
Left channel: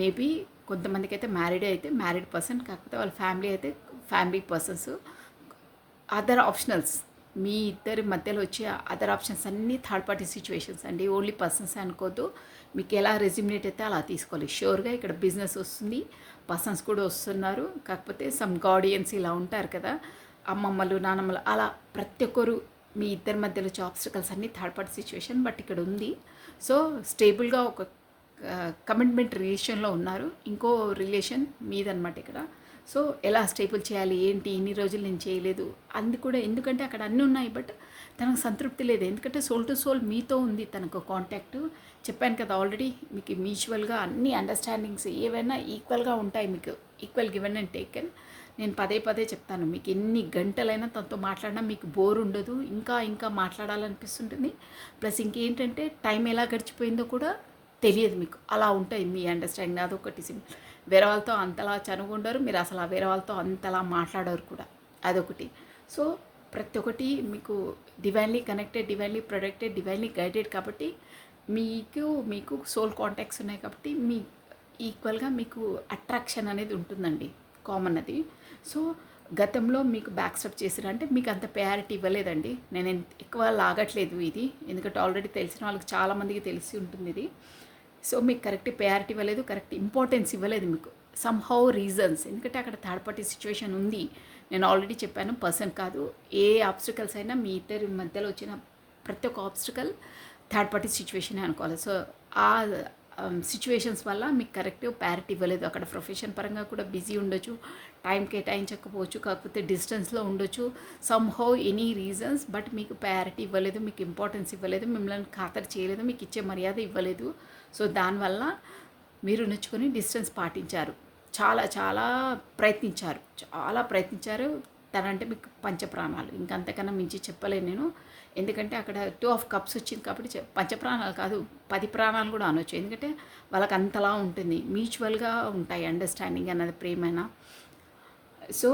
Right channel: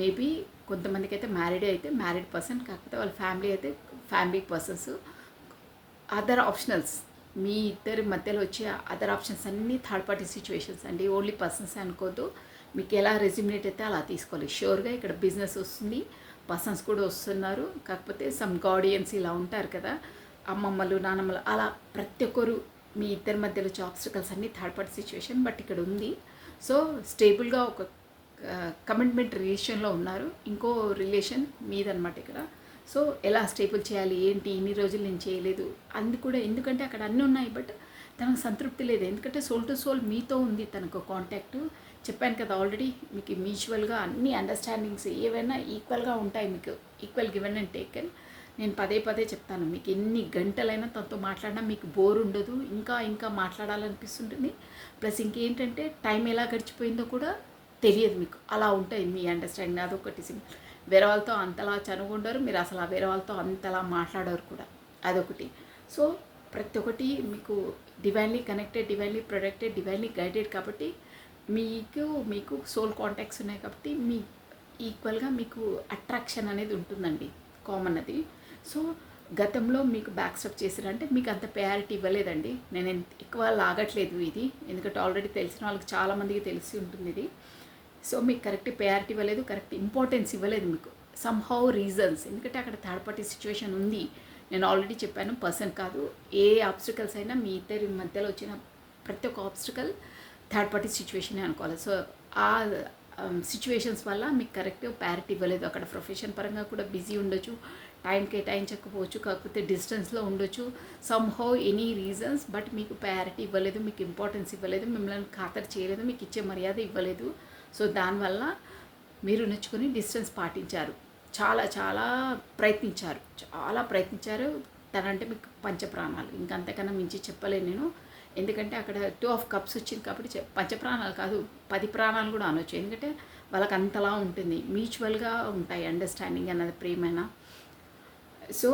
మేబీ కొంతమందికి అయితే మ్యారీడ్ పర్సన్, కాకపోతే వాళ్ళ ఫ్యామిలీ అయితే ఫ్యామిలీ పర్సన్స్. అదర్ ఆప్షనల్స్ మీ ఇద్దరి మధ్యలో వచ్చే అదర్ ఆప్షన్స్ అన్నీ థర్డ్ పార్టీ సిచ్యువేషన్స్ అండి. ఓన్లీ పర్సన్స్ అనుకోద్దు. మీకు ఎలా రెజ్యూమినేట్ అయితే అలా తీసుకోవాలి. షూర్గా ఇక్కడ బిజినెస్ వస్తుంది, పర్సన్స్ కూడా వస్తున్నారు. కాకపోతే సమ్ గార్డియన్స్ ఇలా ఉంటారు కదా, అమ్మమ్మలు నానమ్మలు, అలా ప్రతి ఒక్కరు మీ ఇద్దరి మధ్యలో వచ్చే ఆబ్స్టికల్స్ అన్నీ థర్డ్ పార్టీ సిచ్యువేషన్. బట్ ఇక్కడ ఉంది. సో స్టేబుల్గా ఒక కమిట్మెంట్ రిలేషన్లో ఉన్నారు. ఇంకో రిలేషన్ మీదనమాట ఇక్కడ. సో ఎలా స్టేబుల్ చేయాలి ఏంటి, ఇన్ని రోజులు నేను చేయలేదు అంది కూడా. ఎందుకంటే అక్కడ అన్నీ ఉన్నాయి, బట్ తనకు సంతృప్తి లేదు. ఎందుకంటే సోల్ టు సోల్ మీతో ఉంది తనకు కాంటాక్ట్. చెప్పాను కదా ఆల్రెడీ, మీకు మ్యూచువల్గా అన్ని అండర్స్టాండింగ్స్ ఏవైనా ఈక్వల్గా ఉంటాయి. మీకు ఈక్వల్ గివెన్ అండ్ టేకెన్. నేను పదే పదే చెప్తాను, మీకు ఎన్ని గంటలైనా తనతో మాట్లాడినా మీకు బోర్ ఉండదు, ఇంకా ఇంకా మాట్లాడాలనిపిస్తుంటుంది. ప్లస్ ఇంకేంటంటే టైం ఎలా గడిచిపోయిందో కూడా తెలియదు మీకు. అలా ఉంటాయి మీ అండర్స్టాండింగ్. అదొకటి సింపుల్. వేరే వాళ్ళతో అంతలా చనువుండరు, మీరు అసలు ఆ వేరే వాళ్ళతో అంతలా మాట్లాడరు కూడా. అదొకటి. సో ప్రతి ఒక్కటి మీకు divinely connected, divinely protected, divinely guided. కాబట్టి మీకు సోల్ కాంటాక్ట్స్ ఉన్నాయి కాబట్టి మీ ఈక్వల్గా మీకు అట్రాక్షన్ అనేది ఉంటుందండి, కామన్ అది. సో గతంలో మీకు బ్యాక్ స్టెప్ చేసిరంటే మీకు అంత ప్రయారిటీ ఇవ్వలేదండి. నేను ఎక్కువ లాగట్లేదు ఇది, ఎందుకంటే ఆల్రెడీ తెలిసిన వాళ్ళకి చాలామందికి తెలిసి ఉంటుంది ఇది. సో మీకు కరెక్ట్ ప్రయారిటీ ఇవ్వలేదు, కరెక్ట్ ఇంపార్టెన్స్ ఇవ్వలేదు మీకు. సమ్హౌ రీజన్స్, ఎందుకంటే అక్కడ థర్డ్ పార్టీ సిచ్యువేషన్ ఉంది. నేను ఆల్రెడీ చెప్పాను, పర్సన్ కాదు. ఏ ఆబ్స్టికల్స్ అయినా మీ ఇద్దరి మధ్యలో వచ్చిన ప్రతి ఒక్క ఆబ్స్టికల్ థర్డ్ పార్టీ సిచ్యువేషనే అనుకోవాలి. సో ఆ సిచ్యువేషన్స్ వల్ల మీకు కరెక్ట్ ప్రయారిటీ ఇవ్వలేదు. అక్కడ ప్రొఫెషన్ పరంగా కూడా బిజీ ఉండొచ్చు, టైం కేటాయించకపోవచ్చు, కాకపోతే డిస్టెన్స్లో ఉండొచ్చు, సమ్హౌ ఎనీ రీజన్స్. బట్ మీకు ప్రయారిటీ ఇవ్వలేదు, మీకు ఇంపార్టెన్స్ ఇవ్వలేదు, మిమ్మల్ని ఖాతరు చేయలేదు, మీకు ఇచ్చే మర్యాద ఇవ్వలేదు. సో దానివల్ల మీరు నొచ్చుకొని డిస్టెన్స్ పాటించారు. చాలా చాలా ప్రయత్నించారు. తనంటే మీకు పంచప్రాణాలు, ఇంకంతకన్నా మించి చెప్పలేను నేను. ఎందుకంటే అక్కడ 2 ఆఫ్ కప్స్ వచ్చింది కాబట్టి పంచప్రాణాలు కాదు, 10 ప్రాణాలు కూడా అనొచ్చు. ఎందుకంటే వాళ్ళకి అంతలా ఉంటుంది, మ్యూచువల్గా ఉంటాయి అండర్స్టాండింగ్ అన్నది, ప్రేమైనా. సో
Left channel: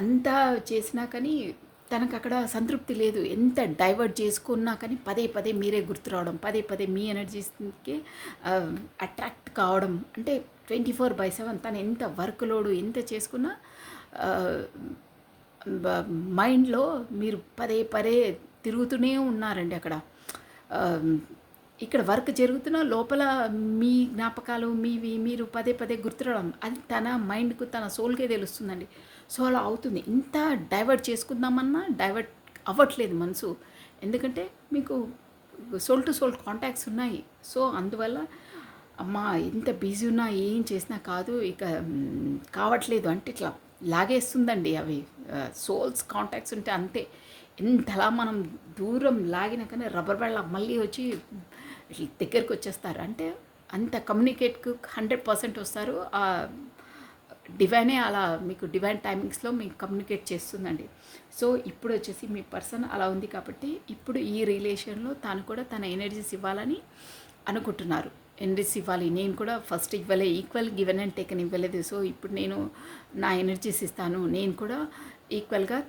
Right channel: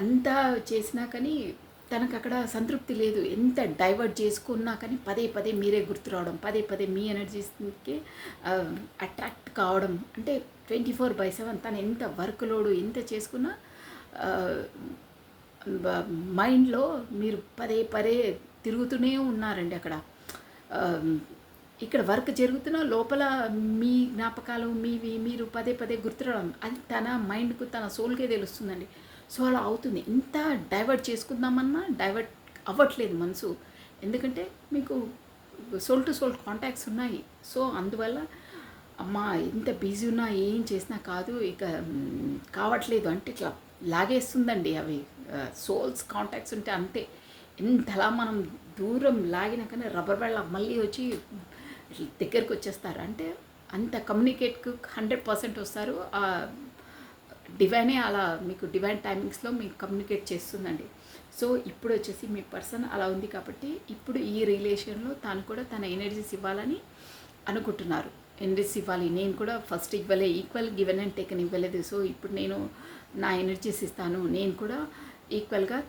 అంతా చేసినా కానీ తనకు అక్కడ సంతృప్తి లేదు. ఎంత డైవర్ట్ చేసుకున్నా కానీ పదే పదే మీరే గుర్తు రావడం, పదే పదే మీ ఎనర్జీస్కి అట్రాక్ట్ కావడం. అంటే 24/7 తను ఎంత వర్క్ లోడు ఎంత చేసుకున్నా మైండ్లో మీరు పదే పదే తిరుగుతూనే ఉన్నారండి అక్కడ. ఇక్కడ వర్క్ జరుగుతున్న లోపల మీ జ్ఞాపకాలు మీరు పదే పదే గుర్తురావడం, అది తన మైండ్కు తన సోల్కే తెలుస్తుందండి. సో అలా అవుతుంది. ఇంత డైవర్ట్ చేసుకుందామన్నా డైవర్ట్ అవ్వట్లేదు మనసు. ఎందుకంటే మీకు సోల్ టు సోల్ కాంటాక్ట్స్ ఉన్నాయి. సో అందువల్ల అమ్మా ఎంత బిజీ ఉన్నా ఏం చేసినా కాదు, ఇక కావట్లేదు అంటే ఇట్లా లాగేస్తుందండి. అవి సోల్స్ కాంటాక్ట్స్ ఉంటే అంతే. ఎంతలా మనం దూరం లాగినా కానీ రబ్బర్ బ్యాండ్ మళ్ళీ వచ్చి దగ్గరికి వచ్చేస్తారు. అంటే అంత కమ్యూనికేట్కు 100% వస్తారు. డివైనే అలా మీకు డివైన్ టైమింగ్స్లో మీకు కమ్యూనికేట్ చేస్తుందండి. సో ఇప్పుడు వచ్చేసి మీ పర్సన్ అలా ఉంది కాబట్టి ఇప్పుడు ఈ రిలేషన్లో తాను కూడా తన ఎనర్జీస్ ఇవ్వాలని అనుకుంటున్నారు. ఎనర్జీస్ ఇవ్వాలి, నేను కూడా ఫస్ట్ ఇవ్వలే, ఈక్వల్ గివెన్ అండ్ టేకన్ ఇవ్వలేదు. సో ఇప్పుడు నేను నా ఎనర్జీస్ ఇస్తాను, నేను కూడా ఈక్వల్గా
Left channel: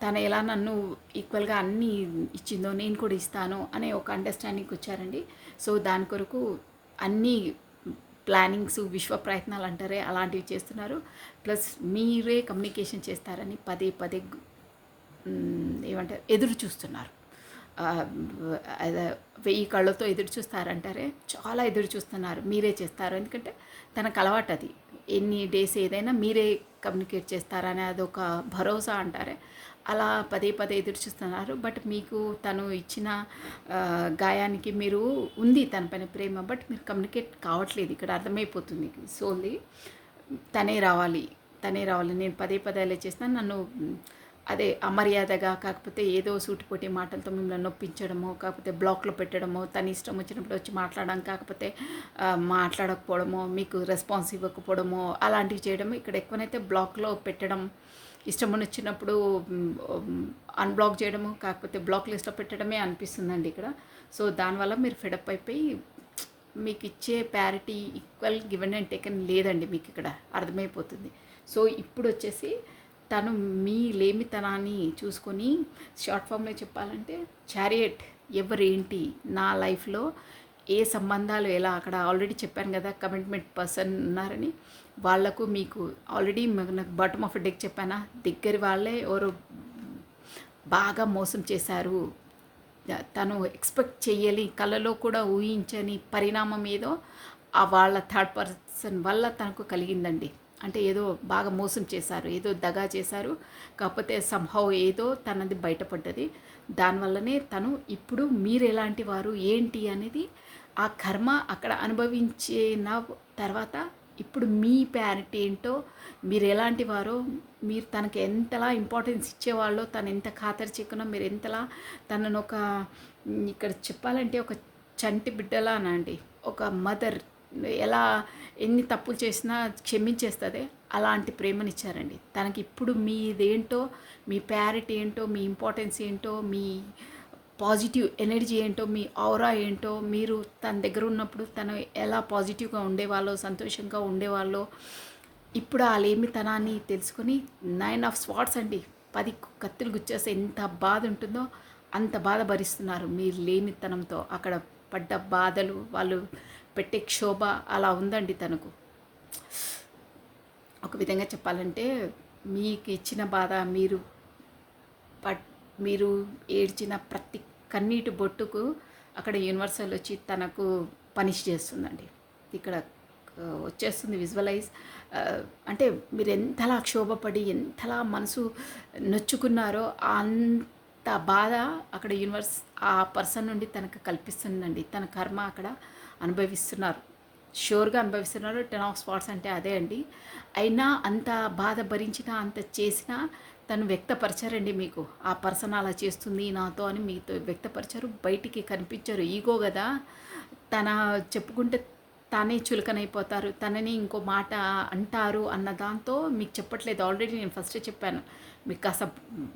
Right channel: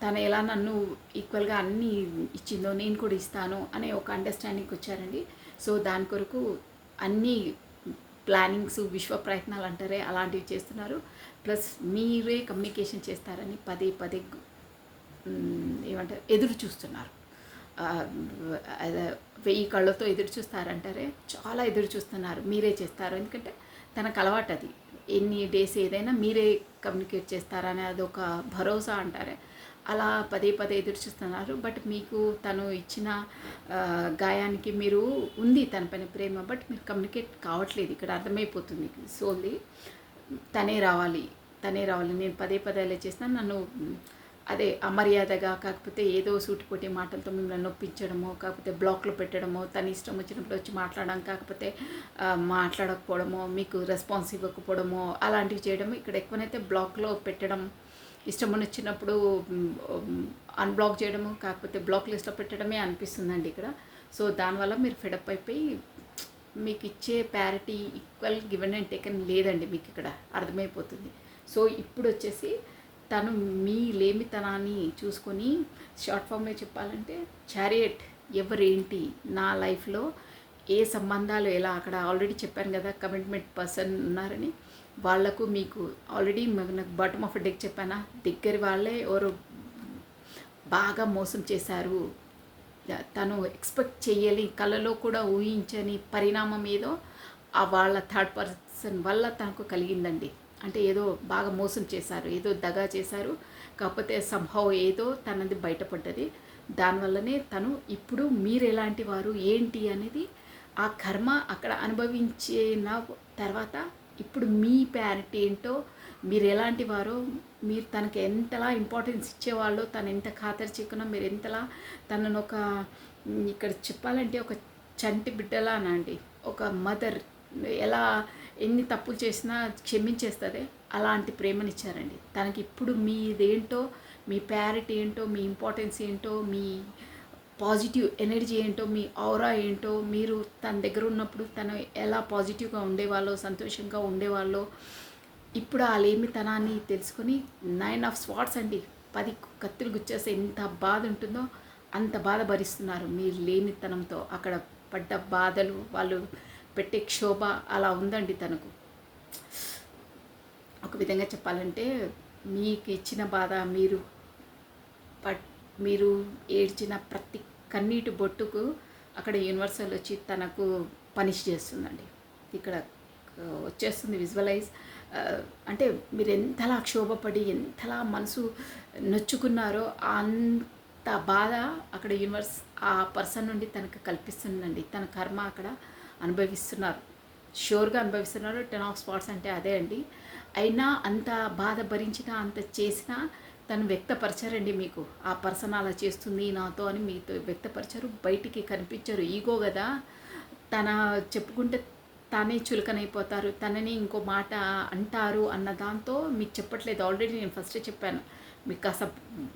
తను ఎలా నన్ను ఈక్వల్గా అన్నీ ఇచ్చిందో నేను కూడా ఇస్తాను అనే ఒక అండర్స్టాండింగ్కి వచ్చారండి. సో దాని కొరకు అన్నీ ప్లానింగ్స్, విశ్వ ప్రయత్నాలు అంటారే అలాంటివి చేస్తున్నారు. ప్లస్ మీరే కమ్యూనికేషన్ చేస్తారని పదే పదే ఏమంటారు ఎదురు చూస్తున్నారు. 1000 కళ్ళతో ఎదురు చూస్తారంటారే, చాలా ఎదురు చూస్తున్నారు. మీరే చేస్తారు, ఎందుకంటే తనకు అలవాటు అది. ఎన్ని డేస్ ఏదైనా మీరే కమ్యూనికేట్ చేస్తారని అదొక భరోసా అంటారే, అలా పదే పదే ఎదురు చూస్తున్నారు. బట్ మీకు తను ఇచ్చిన గాయానికి మీరు ఉంది తన పైన ప్రేమ, బట్ మీరు కమ్యూనికేట్ కావట్లేదు. ఇక్కడ అర్థమైపోతుంది సోల్ది. తనే రావాలి, తనే రావాలి, నేను పదే పదే అలా చేసినా నన్ను అదే అమర్యాదగా, కాకపోతే ఏదో సూటిపోటి మాటలతో మిమ్మల్ని నొప్పించడమో, కాకపోతే బ్లాక్లో పెట్టడమో, తన ఇష్టం వచ్చినప్పుడు వచ్చి మాట్లాడడం, కాకపోతే మాట్లాడకపోవడమో, మీకు రెస్పాన్స్ ఇవ్వకపోవడమో, అలాంటివి చేయడము. ఇక్కడ ఎక్కువనైతే బ్లాక్లో పెట్టడం, ఇష్టం వచ్చినప్పుడు అన్బ్లాక్ చేయడము, కాకపోతే బ్లాక్ లిస్ట్లో పెట్టడమే అనిపిస్తుందండి ఇక్కడ. సో దానివల్ల మీరు ఫెడప్ అయిపోయి మీకు ఇచ్చే parity equal given and taken లేదండి, మీకు ఇక్కడ అర్థమైపోతుంది. సో ఇప్పుడు వచ్చేసి తను మీ లేమితనాన్ని చూసుకొని, షార్ట్ ఫామ్లో చెప్పాలంటే చారియట్ ఎవరేంటి, నా లైఫ్లో ఏ సంబంధాలు ఎలా, అక్కడ ఆల్రెడీ చెప్పాను కదా కమిట్మెంట్ పర్సన్ ఉన్నారని, వాళ్లకు మీకు ఆల్రెడీ నాకు బాటమ్ ఆఫ్ డెక్ చెప్పానా, దగ్గర వాళ్ళే ఎవరు బాగా మోసం చేశారు, తను ఎక్స్పెక్ట్ చేయలి, కళలో కూడా ఊహించని పరిణామం ఏదో ఆ వాళ్ళ థర్డ్ పర్సన్ వల్ల తనకు కలిగిందండి. అంటే ఏదో బాగా మోసం చేశారు, ఏదో దగా చేశారు, కాకపోతే సంహవ్ ఏదో తనది బయటపడ్డది. దానివల్లనే తను ఇప్పుడు మీరు ఎలాంటి వారు ఏంటి అనేది ఆ కర్మ అక్కడ అనుభవించిన తర్వాత ఇప్పుడు మీ ప్యారిటీ ఏంటో, మీరు ఎలాంటి వారో, మీరు తనకి ఎంతలా ఇంపార్టెన్స్ ఇచ్చేవాళ్ళో, తను ఎంత ఖాతరు చిక్కునో, మీరు ఎంతలా తనను ఒక ఇక్కడ చెప్పాలంటే ఒక చంటి బిడ్డలానండి, ఒక మదర్ ఎలా ఎన్ని తప్పులు చేసినా క్షమించేస్తుంది, అలాంటి ప్రేమనిచ్చారండి తనకి. ఇప్పుడు మీదేంటో, మీ ప్యారిటీ ఏంటో, మీ ఇంపార్టెన్స్ ఏంటో, మీ పాజిటివ్ ఎనర్జీ ఏంటో, మీ ఔరా ఏంటో, మీరు తన దగ్గర ఉన్నప్పుడు తను ఎలా పాజిటివ్గా ఉండేవాళ్ళో, సంతోషంగా ఉండేవాళ్ళో, ఇప్పుడు ఆ లేమితనాన్ని తెలుసుకొని 9 ఆఫ్ స్వాట్స్ అండి, 10 కత్తులు గుచ్చేస్తే ఎంత బాధ ఉంటుందో అంత బాధ భరిస్తున్నారు మీరు లేమితనంతో. అక్కడ పడ్డ బాధలు, వాళ్ళు పెట్టే క్షోభ అలా ఉందండి తనకు. ఒక విధంగా చెప్పాలంటే మీకు ఇచ్చిన బాధ, మీరు ఏడ్చిన ప్రతి కన్నీటి బొట్టుకు అక్కడ యూనివర్సల్ వచ్చి తనకు పనిష్ చేస్తుందండి. ఇక్కడ వచ్చేస్తుంది విజువలైజ్. అంటే మీరు ఎంతలా క్షోభపడి ఎంతలా మనసు నొచ్చుకున్నారో అంత బాధ అక్కడ యూనివర్స్ ఆ పర్సన్ నుండి తనకు కల్పిస్తుందండి. తన కర్మ అక్కడ అనుభవిస్తున్నారు, షూర్గా అనుభవిస్తున్నారు. 10 ఆఫ్ స్పాట్స్ అంటే అదే అండి. అయినా అంత బాధ భరించినా, అంత చేసినా తను వ్యక్తపరచారండి మీకు. ఆ పర్సన్ అలా చేస్తుంది నాతో అని మీతో వ్యక్తపరచారు, బయటికి కనిపించారు. ఈగో కదా, తన చెప్పుకుంటే తానే చులకనైపోతారు, తనని ఇంకో మాట అంటారు అన్న దాంతో మీకు చెప్పట్లేదు. ఆల్రెడీ నేను ఫస్టే చెప్పాను, మీకు కాస్త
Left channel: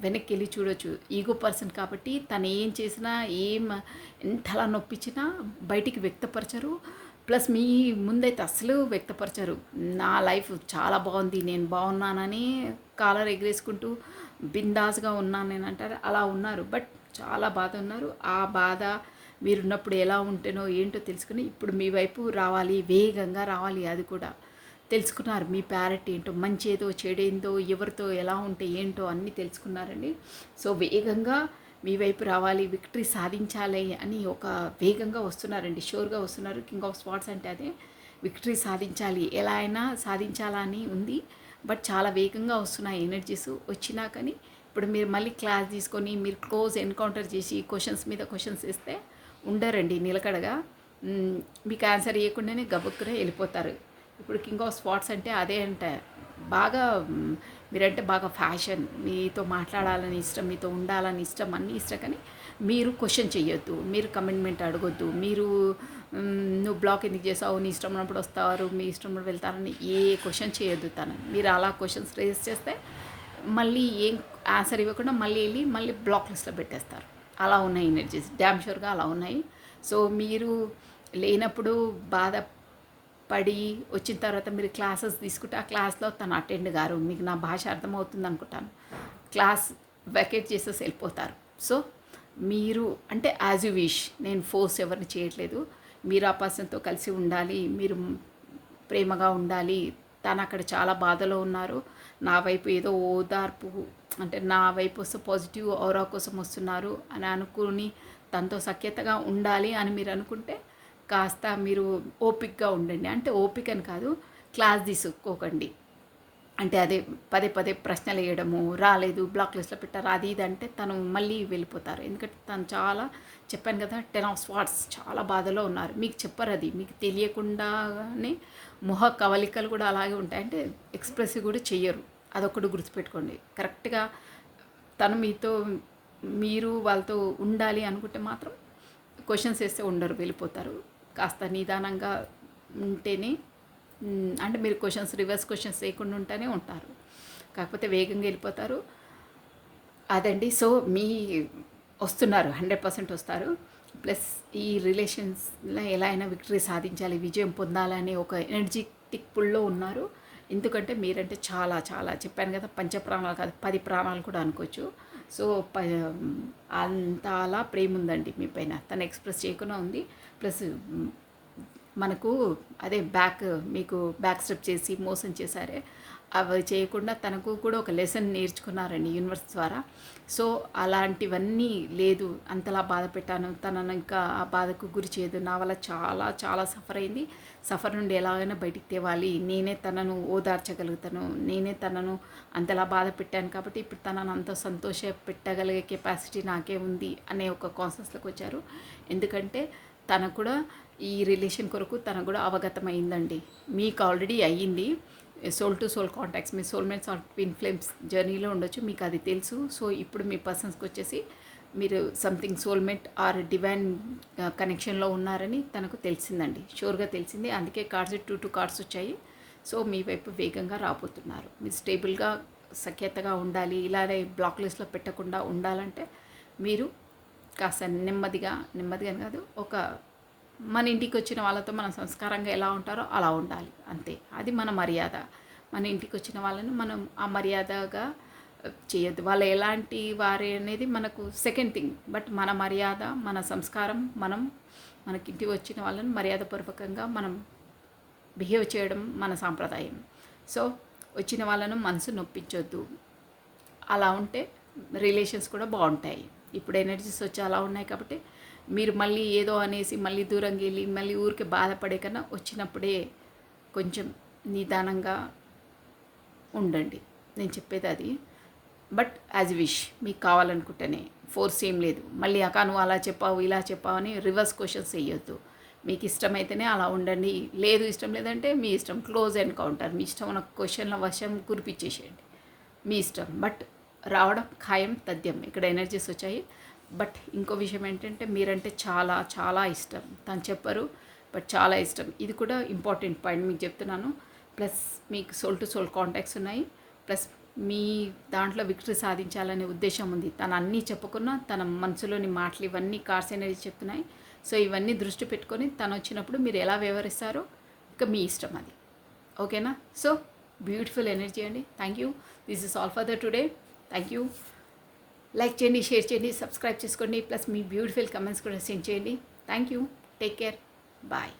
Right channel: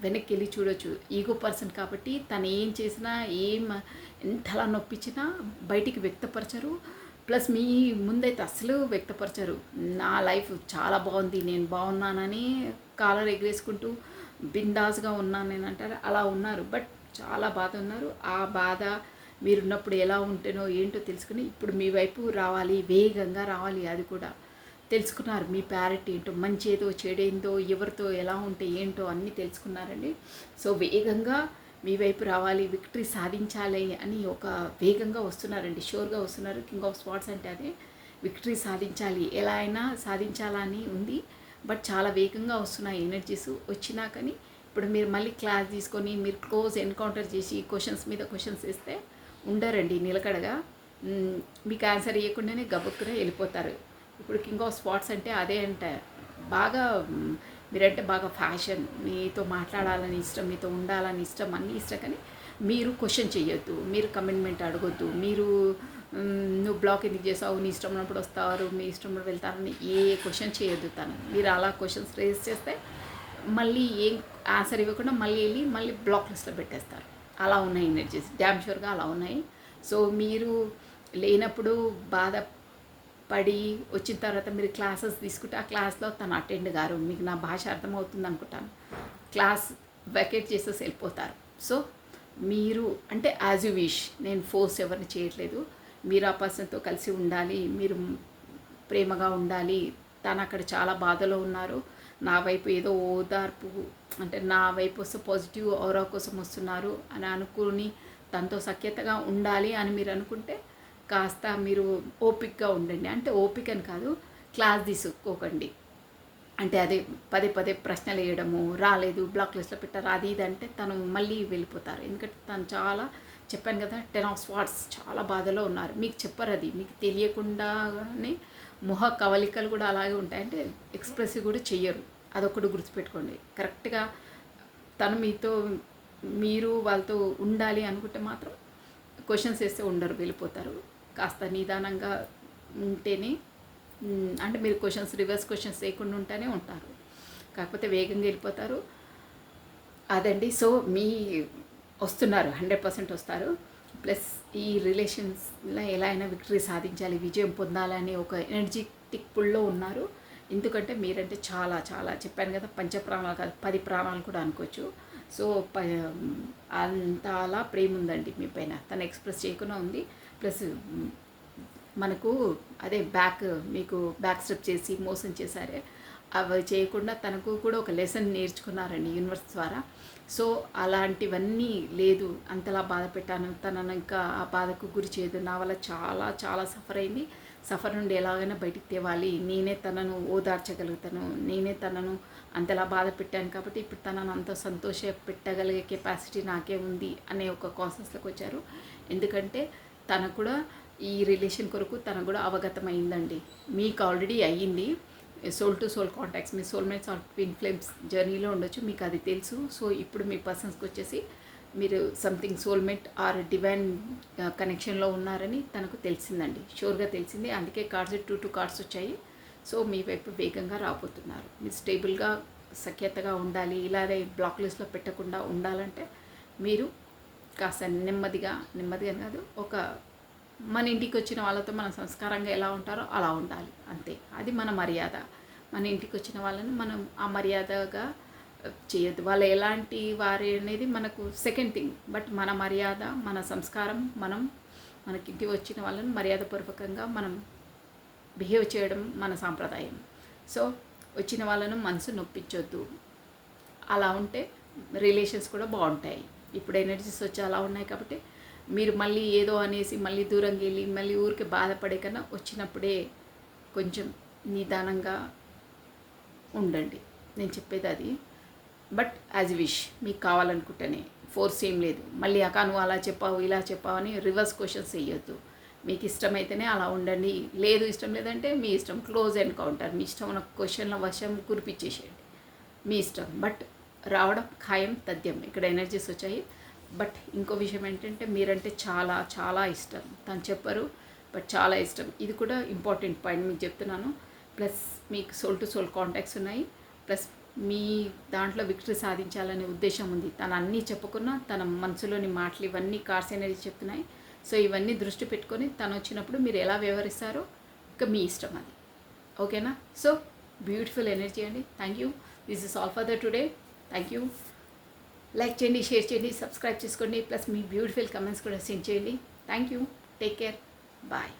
వెనక్కి వెళ్ళి చూడొచ్చు. ఈగో పర్సన్ కాబట్టి తను ఏం చేసినా, ఎంతలా నొప్పించినా బయటికి వ్యక్తపరచరు. ప్లస్ మీ ముందైతే అసలు వ్యక్తపరచరు. నా లైఫ్ చాలా బాగుంది, నేను బాగున్నానని కాలర్ ఎగరేసుకుంటూ బిందాస్గా ఉన్నాను నేను అంటారు, అలా ఉన్నారు. బట్ చాలా బాధ ఉన్నారు. ఆ బాధ మీరున్నప్పుడు ఎలా ఉంటేనో ఏంటో తెలుసుకుని ఇప్పుడు మీ వైపు రావాలి, వేగంగా రావాలి. అది కూడా తెలుసుకున్నారు, మీ ప్యారిటీ ఏంటో, మంచి ఏదో చెడేందో, ఎవరితో ఎలా ఉంటే ఏంటో అన్నీ తెలుసుకున్నారండి. సో వేగంగా మీ వైపు రావాలి, విక్టరీ సాధించాలి అని ఒక వేగంగా వస్తున్నారండి, షూర్గా వస్తున్నారు. కింగ్ ఆఫ్ స్పాట్స్ అంటే అదే, విక్టరీ సాధించాలి, ఎలా అయినా సాధించాలని ఉంది. బట్ చాలా వేగంగా వస్తున్నాయి ఎనర్జీస్. వచ్చినా కానీ ఇప్పుడు మీరు మళ్ళీ క్లాస్ తీసుకొని మీరు క్లోజ్ ఎన్కౌంటర్ చేసి క్వశ్చన్స్ మీద క్వశ్చన్స్ ఇస్తే ఉండరండి నిలకడగా. మీకు ఆన్సర్ ఇవ్వకుండానే గబుక్కునే వెళ్ళిపోతారు. ఇప్పుడు కింగ్ ఆఫ్ స్పాట్స్ అంటే అదే అంటే బాగా మీరంటే బాగా ఫ్యాషన్, మీతో మాట్లాడాలని ఇష్టం, మీతో ఉండాలని ఇష్టం, అన్నీ ఇష్టం. కానీ మీరు క్వశ్చన్ చేయొద్దు, మీరు కమిట్మెంట్ అడగొద్దు, మీరు నువ్వు బ్లాక్ ఎందుకు చేసావు, నీ ఇష్టం ఉన్నప్పుడు వస్తారు, మీ ఇష్టం ఉన్నప్పుడు వెళ్తారని ఏ క్వశ్చన్ చేయొద్దు తను. మీరు అలా క్వశ్చన్స్ రేజ్ చేస్తే మళ్ళీ ఏం ఆన్సర్ ఇవ్వకుండా మళ్ళీ బ్లాక్ లిస్ట్లో పెట్టేస్తారు. అలా ఉన్నాయి ఎనర్జీస్, డ్యామ్ షూర్గా అలా ఉన్నాయి. సో మీరు లేనప్పుడు బాధపడి వచ్చిన తర్వాత మీరు క్లాసెస్ తీసుకుంటే ఆ క్లాస్లో తను అటెండ్ గారు, మీకు నా భాష అర్థమవుతుంది అనుకుంటాను, క్లాస్ వెకేట్ చేసేసి వెళ్ళిపోతారు. సో మీరు అంటే యాజ్ యూ విష్, నేను ఫోర్స్ ఎవరిని చేయట్లేదు. మీరు ఆ పర్సన్తో కలిసి ఉండాలి, మీరు ప్రేమగా ఉండాలి. తను అక్కడ చాలా బాధలో ఉన్నారు, నా వైపు ఏదో ఓదార్పు అంటే నా వైపు వస్తే పాజిటివ్ ఔరా కోసం వస్తున్నారు అని అనుకుని తనతో సఖ్యతగా ఉండాలి అని మీరు అనుకుంటే కాస్త మీరు ఓపికగా ఉండండి. అంటే ఓపిక అని కాదు, క్లాస్ తీసుకోకండి. అంటే అదే పదే పదే ప్రశ్నలు వేయడము, రాలేదు, బ్లాక్ లిస్ట్‌లో పెట్టారు, అది ఇది అంటే తను మళ్ళీ వెళ్ళిపోతారు. ఎందుకంటే తను చాలా చెప్పాను కదా! 10 ఆఫ్ స్వార్డ్స్ చాలా బాధలో ఉన్నారు. మీకు చెప్పరది. మీకు తెలియకుండానే మొహ కవలికలు కూడా అలాగే ఉంటాయి. అంటే ఎక్స్‌ప్రెసివ్ కూడా చెయ్యరు. అదొక్కటి గుర్తుపెట్టుకోండి. కరెక్ట్‌గా తను మీతో మీరు వాళ్ళతో ఉండాలి అనుకుంటే మాత్రం క్వెషన్స్ వేస్తే ఉండరు, వెళ్ళిపోతారు. కాస్త నిదానంగా ఉంటేనే అంటే మీరు క్వెషన్స్ రివర్స్ క్వెషన్స్ వేయకుండా ఉంటేనే ఉంటారు. కాకపోతే వేగంగా వెళ్ళిపోతారు. అదండి. సో మీ వస్తున్నారు, 100% వస్తారు. ప్లస్ ఈ రిలేషన్స్లో ఎలా అయినా విక్టరీ సాధించాలి, విజయం పొందాలని ఒక ఎనర్జెటిక్ పుల్లో ఉన్నారు. ఎందుకంటే మీరంటే చాలా చాలా చెప్పాను కదా, పంచప్రాణాలు కాదు 10 ప్రాణాలు కూడా అనుకోవచ్చు. సో అంత అలా ప్రేమ ఉందండి మీ పైన, తను ఎక్స్ప్రెస్ చేయకుండా ఉంది. ప్లస్ మనకు అదే మీకు బ్యాక్ స్టెప్ చేసి మోసం చేశారే, అవి చేయకుండా తనకు కూడా ఒక లెసన్ నేర్చుకున్నారండి యూనివర్స్ ద్వారా. సో అలాంటివన్నీ లేదు, అంతలా బాధ పెట్టాను, తనను ఇంకా ఆ బాధకు గురి చేయదు, నా వల్ల చాలా చాలా సఫర్ అయింది, సఫర్ నుండి ఎలాగైనా బయటికి తేవాలి, నేనే తనను ఓదార్చగలుగుతాను, నేనే తనను అంతలా బాధ పెట్టాను కాబట్టి ఇప్పుడు తనను అంత సంతోష పెట్టగలిగే కెపాసిటీ నాకే ఉంది అనే ఒక కాన్సెప్ట్లోకి వచ్చారు. ఎందుకంటే తన కూడా ఈ రిలేషన్ కొరకు తనకు కూడా అవగతమైందండి. మీకు ఆల్రెడీ అయ్యింది. సోల్ టు సోల్ కాంటాక్ట్స్, మీ సోల్మేట్స్ ఆర్ ట్విన్ ఫ్లేమ్స్ జర్నీలో ఉండొచ్చు, మీకు అది తెలుసు. సో ఇప్పుడు మీ పర్సన్స్కి వచ్చేసి మీరు సంథింగ్ సోల్మేట్ ఆర్ డివైన్ కనెక్షన్లో ఉన్నారని తనకు తెలిసిందండి, షూర్గా తెలిసింది. అందుకే కార్డ్స్ 2 కార్డ్స్ వచ్చాయి. సో మీ వైపు వేగంగా రాబోతున్నారు. మీరు స్టేబుల్గా సఖ్యతగా ఉండాలి, ఇలానే బ్లాక్ లిస్ట్లో పెట్టకుండా ఉండాలంటే మీరు కాస్త నెమ్మదిగా కాదు, ఒక మన ఇంటికి వచ్చిన వాళ్ళతో మనం సంస్కారంగా ఎలా ఉంటారో అలా ఉండాలి, అంతే. అది మన మర్యాద. మన ఇంటికి వచ్చిన వాళ్ళని మనం ఆ మర్యాదగా చేయొద్దు. వాళ్ళు ఎలాంటి వారే అనేది మనకు సెకండ్ థింగ్. బట్ మన మర్యాద, మన సంస్కారం, మనకింటికి వచ్చిన వాళ్ళని మర్యాదపూర్వకంగా మనం బిహేవ్ చేయడం మన సాంప్రదాయం. సో వచ్చిన వాళ్ళను మనసు నొప్పించొద్దు. అలా ఉంటే రిలేషన్స్ కూడా బాగుంటాయి. ఇప్పుడు ఎనర్జీస్ వచ్చి అలా ఉన్నాయి కాబట్టి మీరు మళ్ళీ ఏదో అనేసి మళ్ళీ దూరంగా వెళ్ళి మళ్ళీ ఊరికి బాధపడే కన్నా వచ్చినప్పుడే కొంచెం నిదానంగా ఉండండి. నేను చెప్పేది అది. బట్ యాజ్ విష్, మీకు కావాలనుకుంటేనే, ఫోర్స్ ఏం లేదు. మళ్ళీ అక్క నువ్వు అలా చెప్పావు ఇలా చెప్పావు అని రివర్స్ క్వశ్చన్స్ వేయొద్దు. మీకు ఇష్టమైతేనే అలా ఉండండి, లేదు ఇష్టం లేదంటే మీ ఇష్టం, క్లోజ్ ఎన్కౌంటర్, మీ ఇష్టం ఉన్న క్వశ్చన్ల వశం కురిపించేసేయండి, మీ ఇష్టం. బట్ రావడం ఖాయం తథ్యం. ఇక్కడ ఎనర్జీస్ వచ్చాయి. బట్ ఇంకో విషయం ఏంటంటే మీరంటే చాలా చాలా ఇష్టం, తను చెప్పరు బట్ చాలా ఇష్టం. ఇది కూడా ఇంపార్టెంట్ పాయింట్ మీకు చెప్తున్నాను. ప్లస్ మీకు సోల్ టు సోల్ కాంటాక్ట్స్ ఉన్నాయి. ప్లస్ మీ దాంట్లో విక్టరీ సాధించాలనే ఉద్దేశం ఉంది. తను అన్నీ చెప్పుకున్నా తన మనసులోని మాటలు ఇవన్నీ కార్డ్స్ అనేది చెప్తున్నాయి. సో ఇవన్నీ దృష్టి పెట్టుకొని తను వచ్చినప్పుడు మీరు ఎలా వ్యవహరిస్తారో ఇక మీ ఇష్టం అది. ఓకేనా? సో బ్యూటిఫుల్ ఎనర్జీ అండి. Thank you. This is all for the today. Thank you. Like చేయండి, షేర్ చేయండి, సబ్స్క్రైబ్ చేసుకోండి. ప్లస్ మీ బ్యూటిఫుల్ కమెంట్స్ కూడా సెండ్ చేయండి. Thank you. Take care. Bye.